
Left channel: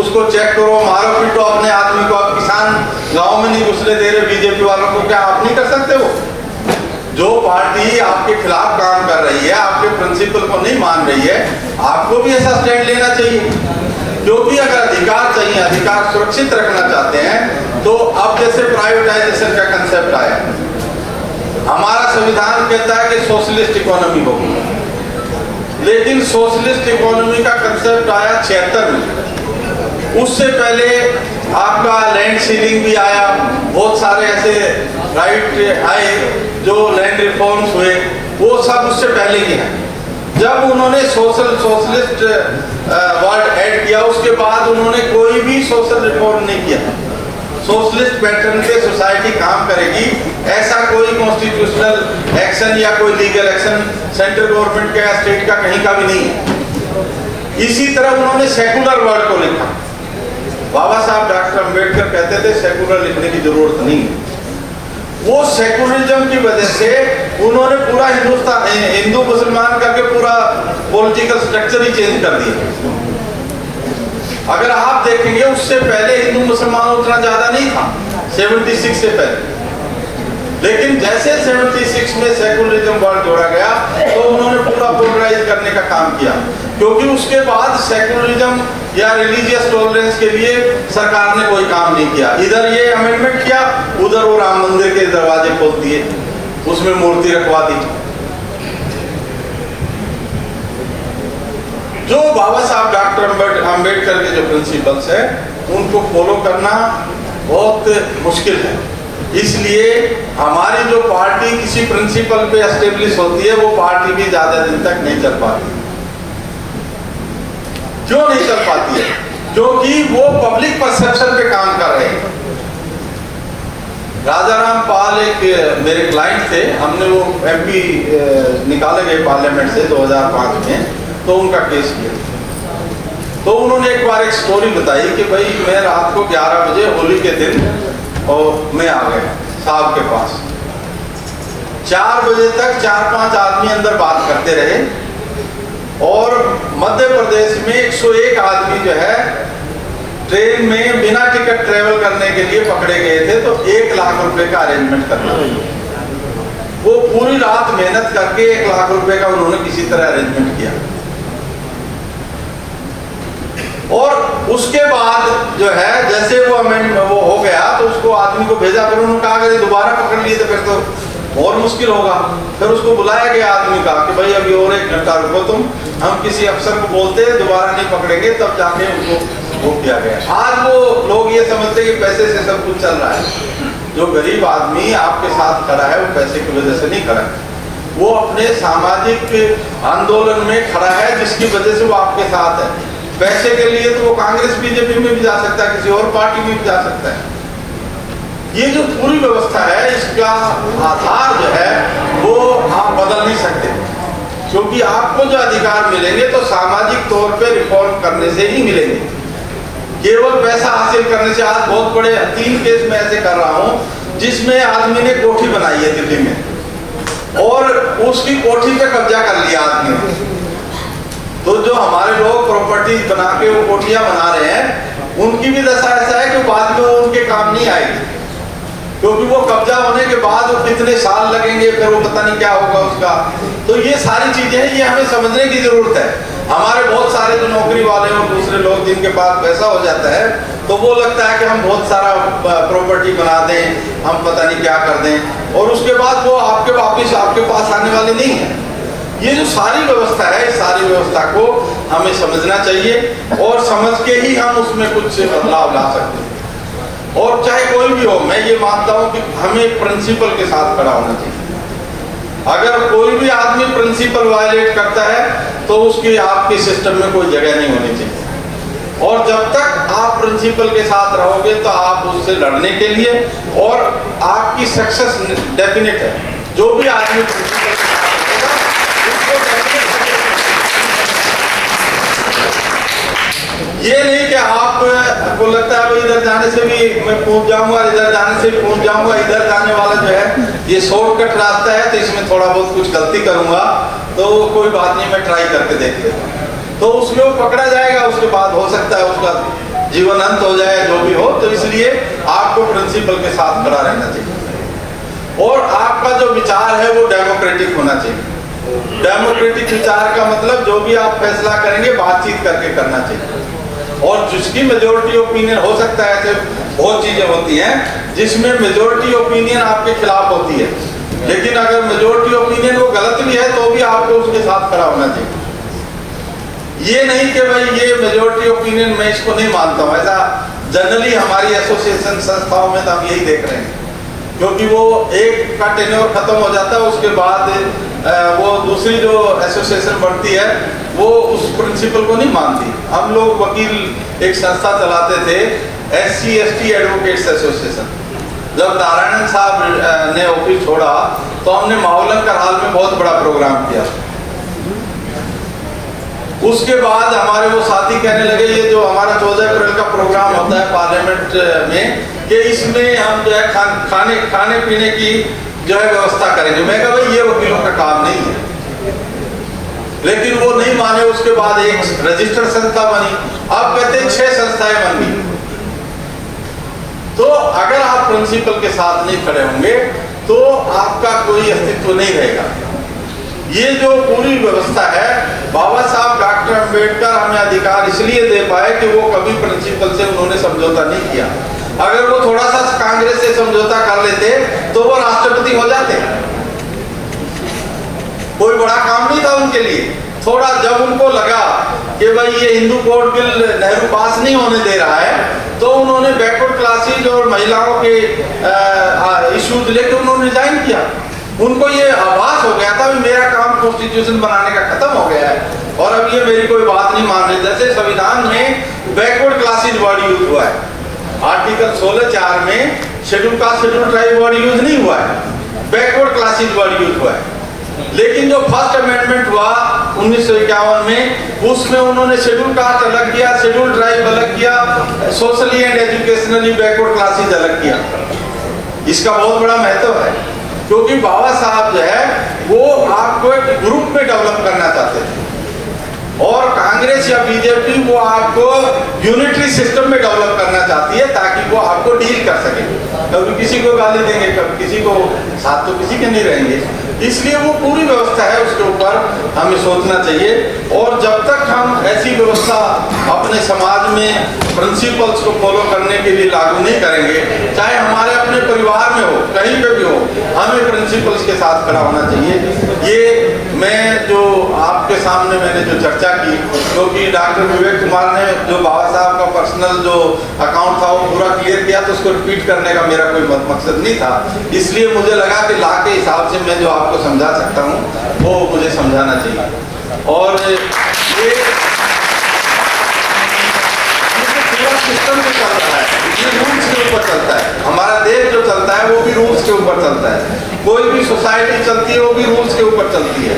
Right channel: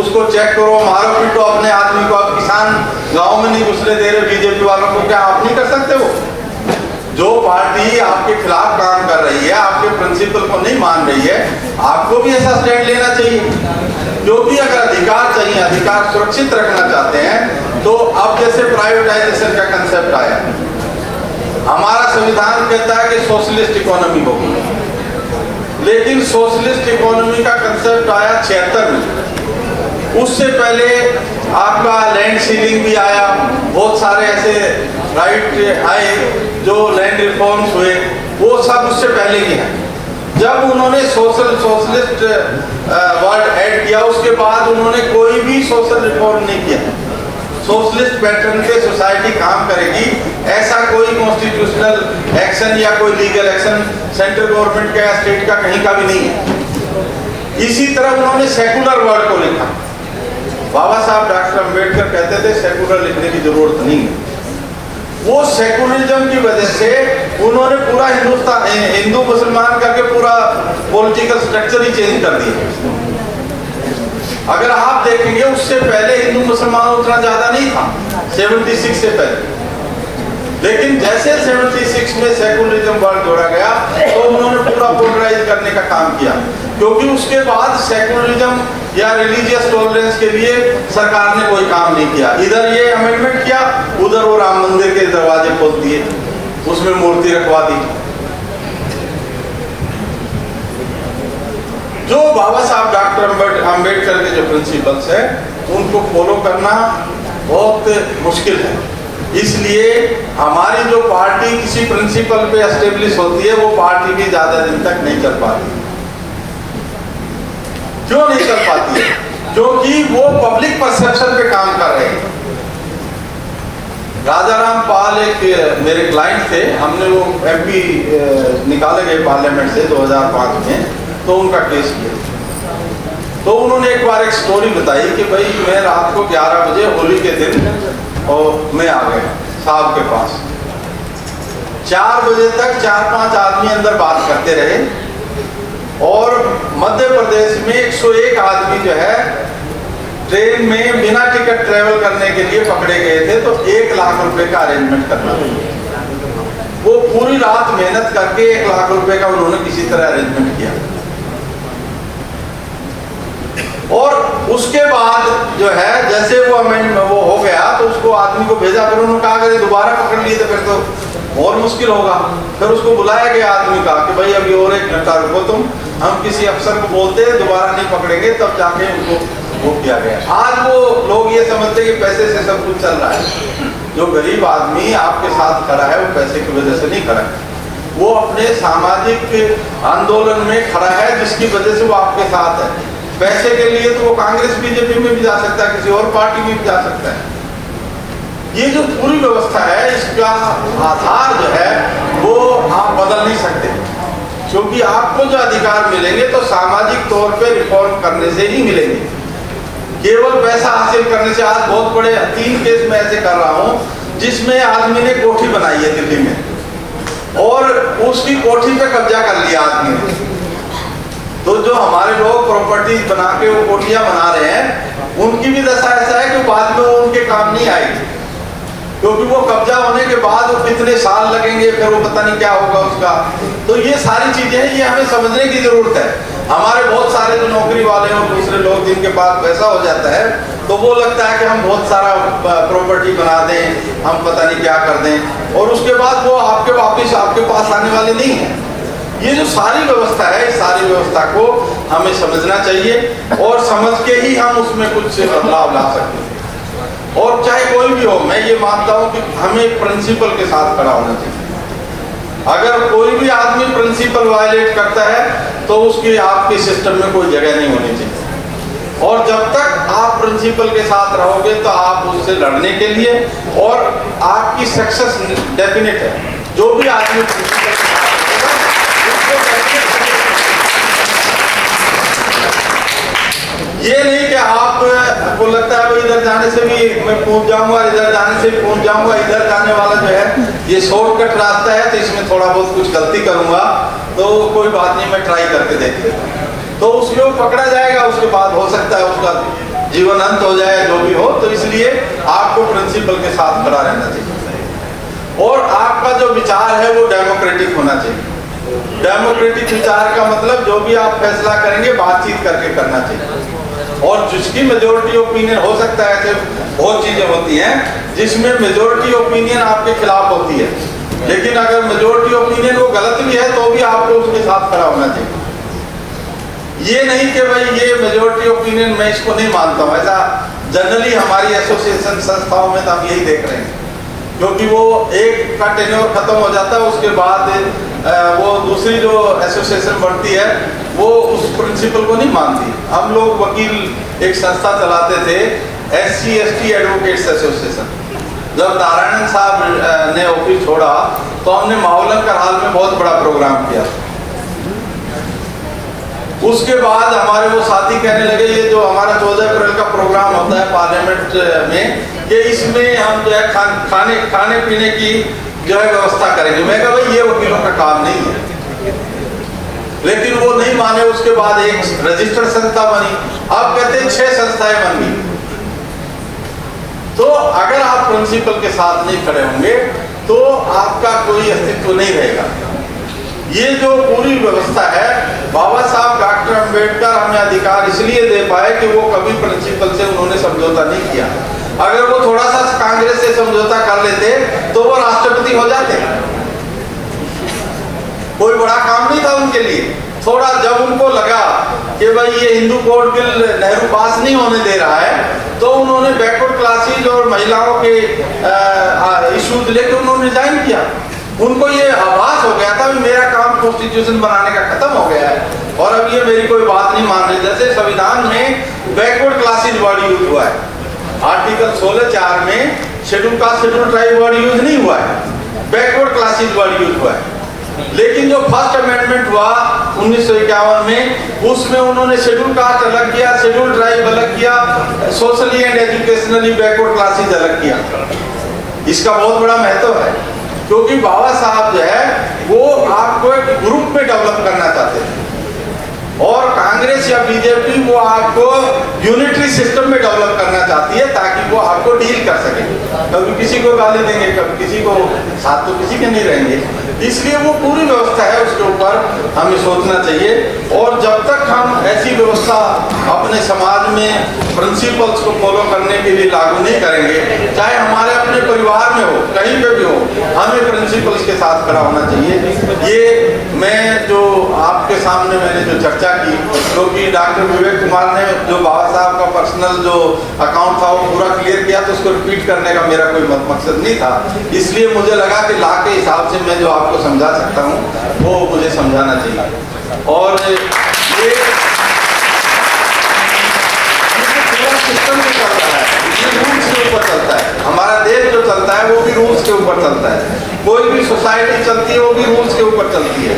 उसको चेक करो, मारो पीटो अपने आदमी को। अब किसान गांव में नहीं घुसने दे रहे बीजेपी वालों को, क्या आप नहीं कर सकते? वो जो पार्टी आपके खिलाफ काम कर रही है, आपके प्रिंसिपल को नहीं मान रही है, आपको भी ऐसा स्टैंड लेना चाहिए। क्योंकि अगर अधिकार चाहिए, अधिकार सुरक्षित रखना चाहते हैं, तो अब जैसे प्राइवेटाइजेशन का कंसेप्ट आया, हमारा संविधान कहता है कि सोशलिस्ट इकोनॉमी होगी, लेकिन सोशलिस्ट इकोनॉमी का कंसेप्ट आया 76 में। उससे पहले आपका लैंड सीलिंग भी आया, बहुत सारे ऐसे राइट आए जो लैंड रिफॉर्म्स हुए, वो सब उससे पहले के हैं। जब उन्होंने सोशलिस्ट वर्ड ऐड किया, उसके बाद उन्होंने कोई भी सोशल रिफॉर्म नहीं किया। सोशलिस्ट पैटर्न पे सोसाइटी काम करेगी, ऐसा कोई कॉन्स्टिट्यूशनल एक्शन या कोई लीगल एक्शन सेंट्रल गवर्नमेंट का या स्टेट का कहीं का भी नहीं है। इसी तरह उन्होंने सेकुलर वर्ड को लिखा। बाबा साहब डॉक्टर अंबेडकर कहते थे सेकुलर लिखने की जरूरत नहीं है। वो सेकुलरिज्म की वजह से उन्होंने पूरा हिंदुस्तान हिंदू मुसलमान करके पूरा पॉलिटिकल स्ट्रक्चर ही चेंज कर दिया। अगर आप देखेंगे उससे पहले हिंदू मुसलमान उतना ज्यादा नहीं था, 76 से पहले। लेकिन जैसे 76 में सेकुलरिज्म वर्ड जोड़ा गया तो उन्होंने पूरा पोलराइज करने का काम किया, क्योंकि उसके बाद सेकुलरिज्म या रिलीजियस टॉलरेंस के लिए सरकार ने कोई काम नहीं किया। इधर ये अमेंडमेंट किया, उधर वो राम मंदिर के दरवाजे खोल दिए, उसमें मूर्ति रखवा दी। जो बाबा साहब डॉक्टर अंबेडकर के जो प्रिंसिपल्स है उनको फॉलो करना बहुत मुश्किल है। इसलिए हमारी जो पार्टी किसी प्रिंसिपल पे एस्टेब्लिश होती है, वो पार्टी भी ज्यादा दिन तक नहीं चल पाती। क्यों नहीं चल पाती है? क्योंकि वो पब्लिक परसेप्शन पे काम कर रहे हैं। राजाराम पाल एक मेरे क्लाइंट थे, हमने वो MP निकाले गए पार्लियामेंट से 2005 में, तो उनका केस किया। तो उन्होंने एक बार एक स्टोरी बताई कि भाई मैं रात को 11 बजे होली के दिन और मैं आ गया साहब के पास। 4 बजे तक 4-5 आदमी अंदर बात करते रहे, और मध्य प्रदेश में 101 आदमी जो है ट्रेन में बिना टिकट ट्रेवल करने के लिए पकड़े गए थे। तो 1 लाख रुपए का अरेंजमेंट करना, वो पूरी रात मेहनत करके 1 लाख रुपए का उन्होंने किसी तरह अरेंजमेंट किया। और उसके बाद जो है जैसे वो हो गया तो उसको आदमी को भेजा, फिर उन्होंने कहा अगर दोबारा पकड़ लिए तो फिर तो और मुश्किल होगा। फिर उसको बुलाया गया आदमी का कि भाई अभी और 1 घंटा रुको तुम, हम किसी अफसर को बोलते हैं दोबारा नहीं पकड़ेंगे, तब जाके उनको वो किया गया। आज वो लोग ये समझते कि पैसे से सब कुछ चल रहा है। जो गरीब आदमी आपके साथ खड़ा है वो पैसे की वजह से नहीं खड़ा है, वो अपने सामाजिक आंदोलन में खड़ा है जिसकी वजह से वो आपके साथ है। पैसे के लिए तो वो कांग्रेस बीजेपी में भी जा सकता है, किसी और पार्टी में भी जा सकता है। ये जो पूरी व्यवस्था है इसका आधार जो है वो आप बदल नहीं सकते, क्योंकि आपको जो अधिकार मिलेंगे तो सामाजिक तौर पे रिफॉर्म करने से ही मिलेंगे, केवल पैसा हासिल करने से। आज बहुत बड़े 3 केस में ऐसे कर रहा हूँ जिसमें आदमी ने कोठी बनाई है दिल्ली में, और उसकी कोठी पे कब्जा कर लिया आदमी ने। तो जो हमारे लोग प्रॉपर्टी बना के वो कोठियां बना रहे हैं, उनकी भी दशा ऐसा है कि बाद में वो उनके काम नहीं आएगी, क्योंकि वो कब्जा होने के बाद वो कितने साल लगेंगे, फिर वो पता नहीं क्या होगा उसका। तो ये सारी चीजें हैं, ये हमें समझने की जरूरत है। हमारे बहुत सारे जो नौकरी वाले और दूसरे लोग जिनके पास पैसा हो जाता है, तो वो लगता है कि हम बहुत सारा प्रॉपर्टी बना दें, हम पता नहीं क्या कर दें, और उसके बाद वो वापिस आपके पास आने वाले नहीं है। ये जो सारी व्यवस्था है, इस सारी व्यवस्था को हमें समझना चाहिए, और समझ के ही हम उसमें कुछ बदलाव ला सकते हैं। और चाहे कोई भी हो, मैं ये मानता हूँ कि हमें प्रिंसिपल के साथ खड़ा होना चाहिए। अगर कोई भी आदमी प्रिंसिपल वायलेट करता है तो उसकी आपके सिस्टम में कोई जगह नहीं होनी चाहिए। और जब तक आप प्रिंसिपल के साथ रहोगे तो आप उससे लड़ने के लिए और आपकी सक्सेस डेफिनेट है। जो भी आदमी प्रिंसिपल के साथ रहेगा उसको डेफिनेट, ये नहीं कि आपको लगता है भाई इधर जाने से भी मैं पहुंच जाऊंगा, इधर जाने से भी पहुंच जाऊंगा, इधर जाने वाला जो है ये शॉर्टकट रास्ता है तो इसमें थोड़ा बहुत कुछ गलती करूंगा तो कोई बात नहीं, मैं ट्राई करके देख लेता हूं, तो उसमें वो पकड़ा जाएगा, उसके बाद हो सकता है उसका जीवन अंत हो जाए, जो भी हो। तो इसलिए आपको प्रिंसिपल के साथ खड़ा रहना चाहिए और आपका जो विचार है वो डेमोक्रेटिक होना चाहिए। डेमोक्रेटिक विचार का मतलब जो भी आप फैसला करेंगे बातचीत करके करना चाहिए और जिसकी मेजोरिटी ओपिनियन हो सकता है, ऐसे बहुत चीजें होती हैं जिसमें मेजोरिटी ओपिनियन आपके खिलाफ होती है, लेकिन अगर मेजोरिटी ओपिनियन वो गलत भी है तो भी आपको उसके साथ खड़ा होना चाहिए। ये नहीं कि भाई ये मेजोरिटी ओपिनियन मैं इसको नहीं मानता हूँ, ऐसा जनरली हमारी एसोसिएशन संस्थाओं में तो हम यही देख रहे हैं, क्योंकि वो एक का टेन्योर खत्म हो जाता है, उसके बाद वो दूसरी जो एसोसिएशन बढ़ती है वो उस प्रिंसिपल को नहीं मानती। हम लोग वकील एक संस्था चलाते थे, SC ST एडवोकेट्स एसोसिएशन। जब नारायण साहब ने ऑफिस छोड़ा तो हमने मावलंकर हाल में बहुत बड़ा प्रोग्राम किया। उसके बाद हमारे वो साथी कहने लगे ये जो हमारा 14 अप्रैल का प्रोग्राम होता है पार्लियामेंट में, कि इसमें हम जो है खाने पीने की जो है व्यवस्था करेंगे। मैं कहा भाई ये वकीलों का काम नहीं है, लेकिन वो नहीं माने। उसके बाद एक रजिस्टर्ड संस्था बनी, अब कहते 6 संस्थाएं बन गई। तो अगर आप प्रिंसिपल के साथ नहीं खड़े होंगे तो आपका कोई अस्तित्व नहीं रहेगा। ये जो पूरी व्यवस्था है, बाबा साहब डॉक्टर अंबेडकर हमें अधिकार इसलिए दे पाए कि वो कभी प्रिंसिपल से उन्होंने समझौता नहीं किया। अगर वो थोड़ा सा कांग्रेस से समझौता कर लेते तो वो राष्ट्रपति हो जाते, कोई बड़ा काम नहीं था उनके लिए। थोड़ा जब उनको लगा कि भाई ये हिंदू कोड बिल नेहरू पास नहीं होने दे रहा है तो उन्होंने बैकवर्ड क्लासेज और महिलाओं के इश्यूज लेकर उन्होंने रिजाइन किया। उनको ये आभास हो गया था कि मेरा काम कॉन्स्टिट्यूशन बनाने का खत्म हो गया है और अब ये मेरी कोई बात नहीं मान रही। जैसे संविधान में बैकवर्ड क्लासेज वर्ड यूज हुआ है, आर्टिकल 16(4) में schedule caste schedule tribe word use नहीं हुआ है, बैकवर्ड क्लासेज वर्ड यूज हुआ है। लेकिन जो फर्स्ट अमेंडमेंट हुआ 1951 में, उसमें उन्होंने शेड्यूल कास्ट अलग किया, शेड्यूल ट्राइब अलग किया, socially and educationally backward classes अलग किया। इसका बहुत बड़ा महत्व है, क्योंकि बाबा साहब जो है वो आपको एक ग्रुप में डेवलप करना चाहते थे और कांग्रेस या बीजेपी वो आपको यूनिटरी सिस्टम में डेवलप करना चाहती है ताकि वो आपको डील कर सके। कभी किसी को गाली देंगे, कभी किसी को साथ, तो किसी के नहीं रहेंगे। इसलिए वो पूरी व्यवस्था है, उसके ऊपर हमें सोचना चाहिए। और जब तक हम ऐसी व्यवस्था अपने समाज में प्रिंसिपल्स को फॉलो करने के लिए लागू नहीं करेंगे, चाहे हमारे अपने परिवार में हो, कहीं पे भी हो, हमें प्रिंसिपल्स के साथ खड़ा होना चाहिए। ये मैं जो आपके सामने मैंने जो चर्चा की, क्योंकि डॉक्टर विवेक कुमार ने जो बाबा साहब का पर्सनल जो अकाउंट था वो पूरा क्लियर किया, तो उसको रिपीट करने का मेरा कोई मकसद नहीं था। इसलिए मुझे लगा कि ला के हिसाब से मैं जो आपको समझा सकता हूँ वो मुझे समझाना चाहिए। और ये पूरा सिस्टम जो चल रहा है ये रूल्स के ऊपर चलता है। हमारा देश जो चलता है वो भी रूल्स के ऊपर चलता है, कोई भी सोसाइटी चलती है वो भी रूल्स के ऊपर चलती है।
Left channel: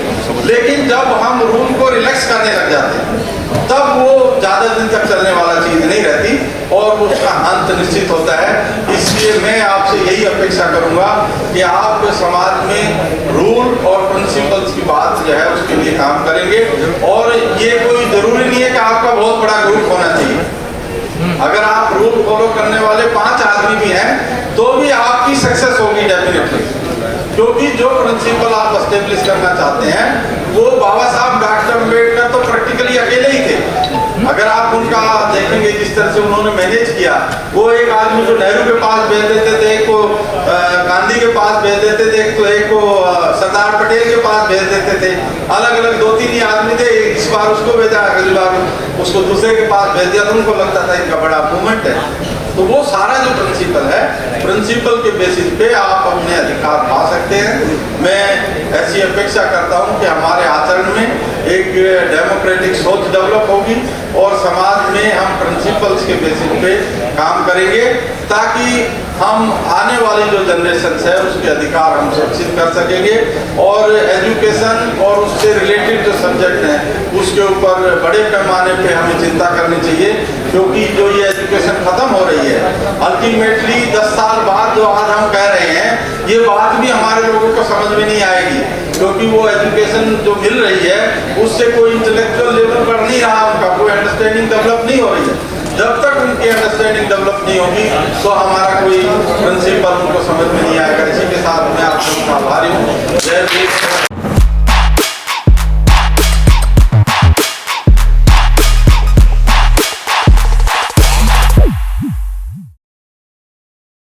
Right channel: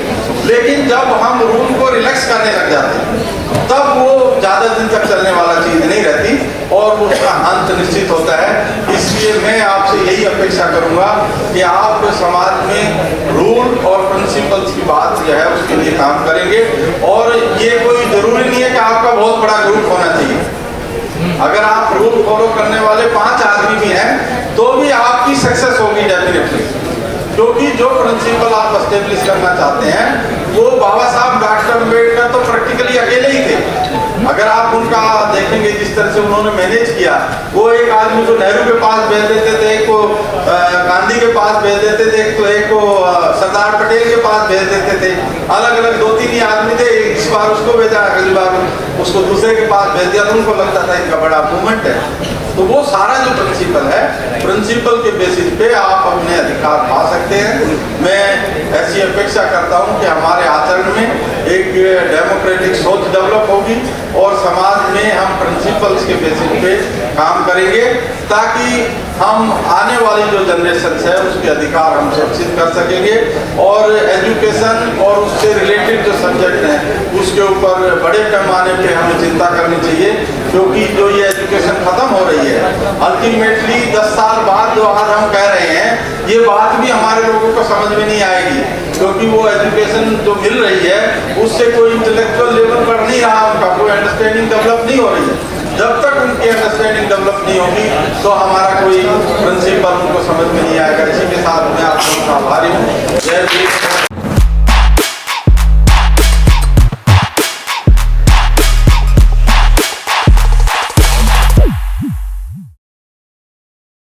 लेकिन जब हम रूल को रिलैक्स करने लग जाते हैं तब वो ज्यादा दिन तक चलने वाला चीज नहीं रहती और उसका अंत निश्चित होता है। इसलिए मैं आपसे यही अपेक्षा करूंगा कि आप समाज में रूल और प्रिंसिपल्स की बात जो है उसके लिए काम करेंगे। और ये कोई जरूरी नहीं है कि आपका बहुत बड़ा ग्रुप होना चाहिए। अगर आप रूल फॉलो करने वाले 5 आदमी भी हैं तो भी आपकी सक्सेस होगी डेफिनेटली, क्योंकि जो प्रिंसिपल आप एस्टेब्लिश करना चाहते हैं वो बाबा साहब डॉक्टर अंबेडकर तो प्रैक्टिकली अकेले ही थे। अगर आप उनका देखेंगे जिस तरह से उन्होंने मैनेज किया, वो एक आदमी को नेहरू के पास भेज देते थे, एक को गांधी के पास भेज देते थे, एक को सरदार पटेल के पास भेज देते थे। अलग अलग 2-3 ही आदमी थे, इस बार उसको भेजा, अगली बार उसको दूसरे के पास भेज दिया, तो उनको लगता था इनका बड़ा मूवमेंट है। तो वो सारा जो प्रिंसिपल है, प्रिंसिपल के बेसिस पे आप अपने अधिकार पा सकते हैं। मैं ऐसी अपेक्षा करता हूं कि हमारे आचरण में एक डेमोक्रेटिक सोच डेवलप होगी और समाज में हम प्रिंसिपल्स के बेसिस पे काम करेंगे, ताकि हम आने वाली जो जनरेशन है उसके अधिकार हम सुरक्षित कर सकेंगे। और एजुकेशन और उससे रिलेटेड जो सब्जेक्ट हैं उसके ऊपर बड़े पैमाने पे हमें चिंता करनी चाहिए, क्योंकि जो ये एजुकेशन खत्म हो रही है, अल्टीमेटली 10 साल बाद जो आज हम कह रहे हैं ये बात भी हमारे लोगों को समझ में नहीं आएगी, क्योंकि वो एजुकेशन जो मिल रही है उससे कोई इंटेलेक्चुअल लेवल पर नहीं रहा, उनका कोई अंडरस्टैंडिंग डेवलप नहीं हो रही है। जब तक उनकी अंडरस्टैंडिंग डेवलप नहीं होगी तो हमारा कोई प्रिंसिपल उनको समझ में नहीं आएगा। इसी के साथ मैं आप सबका आभारी हूँ। जय हिंद।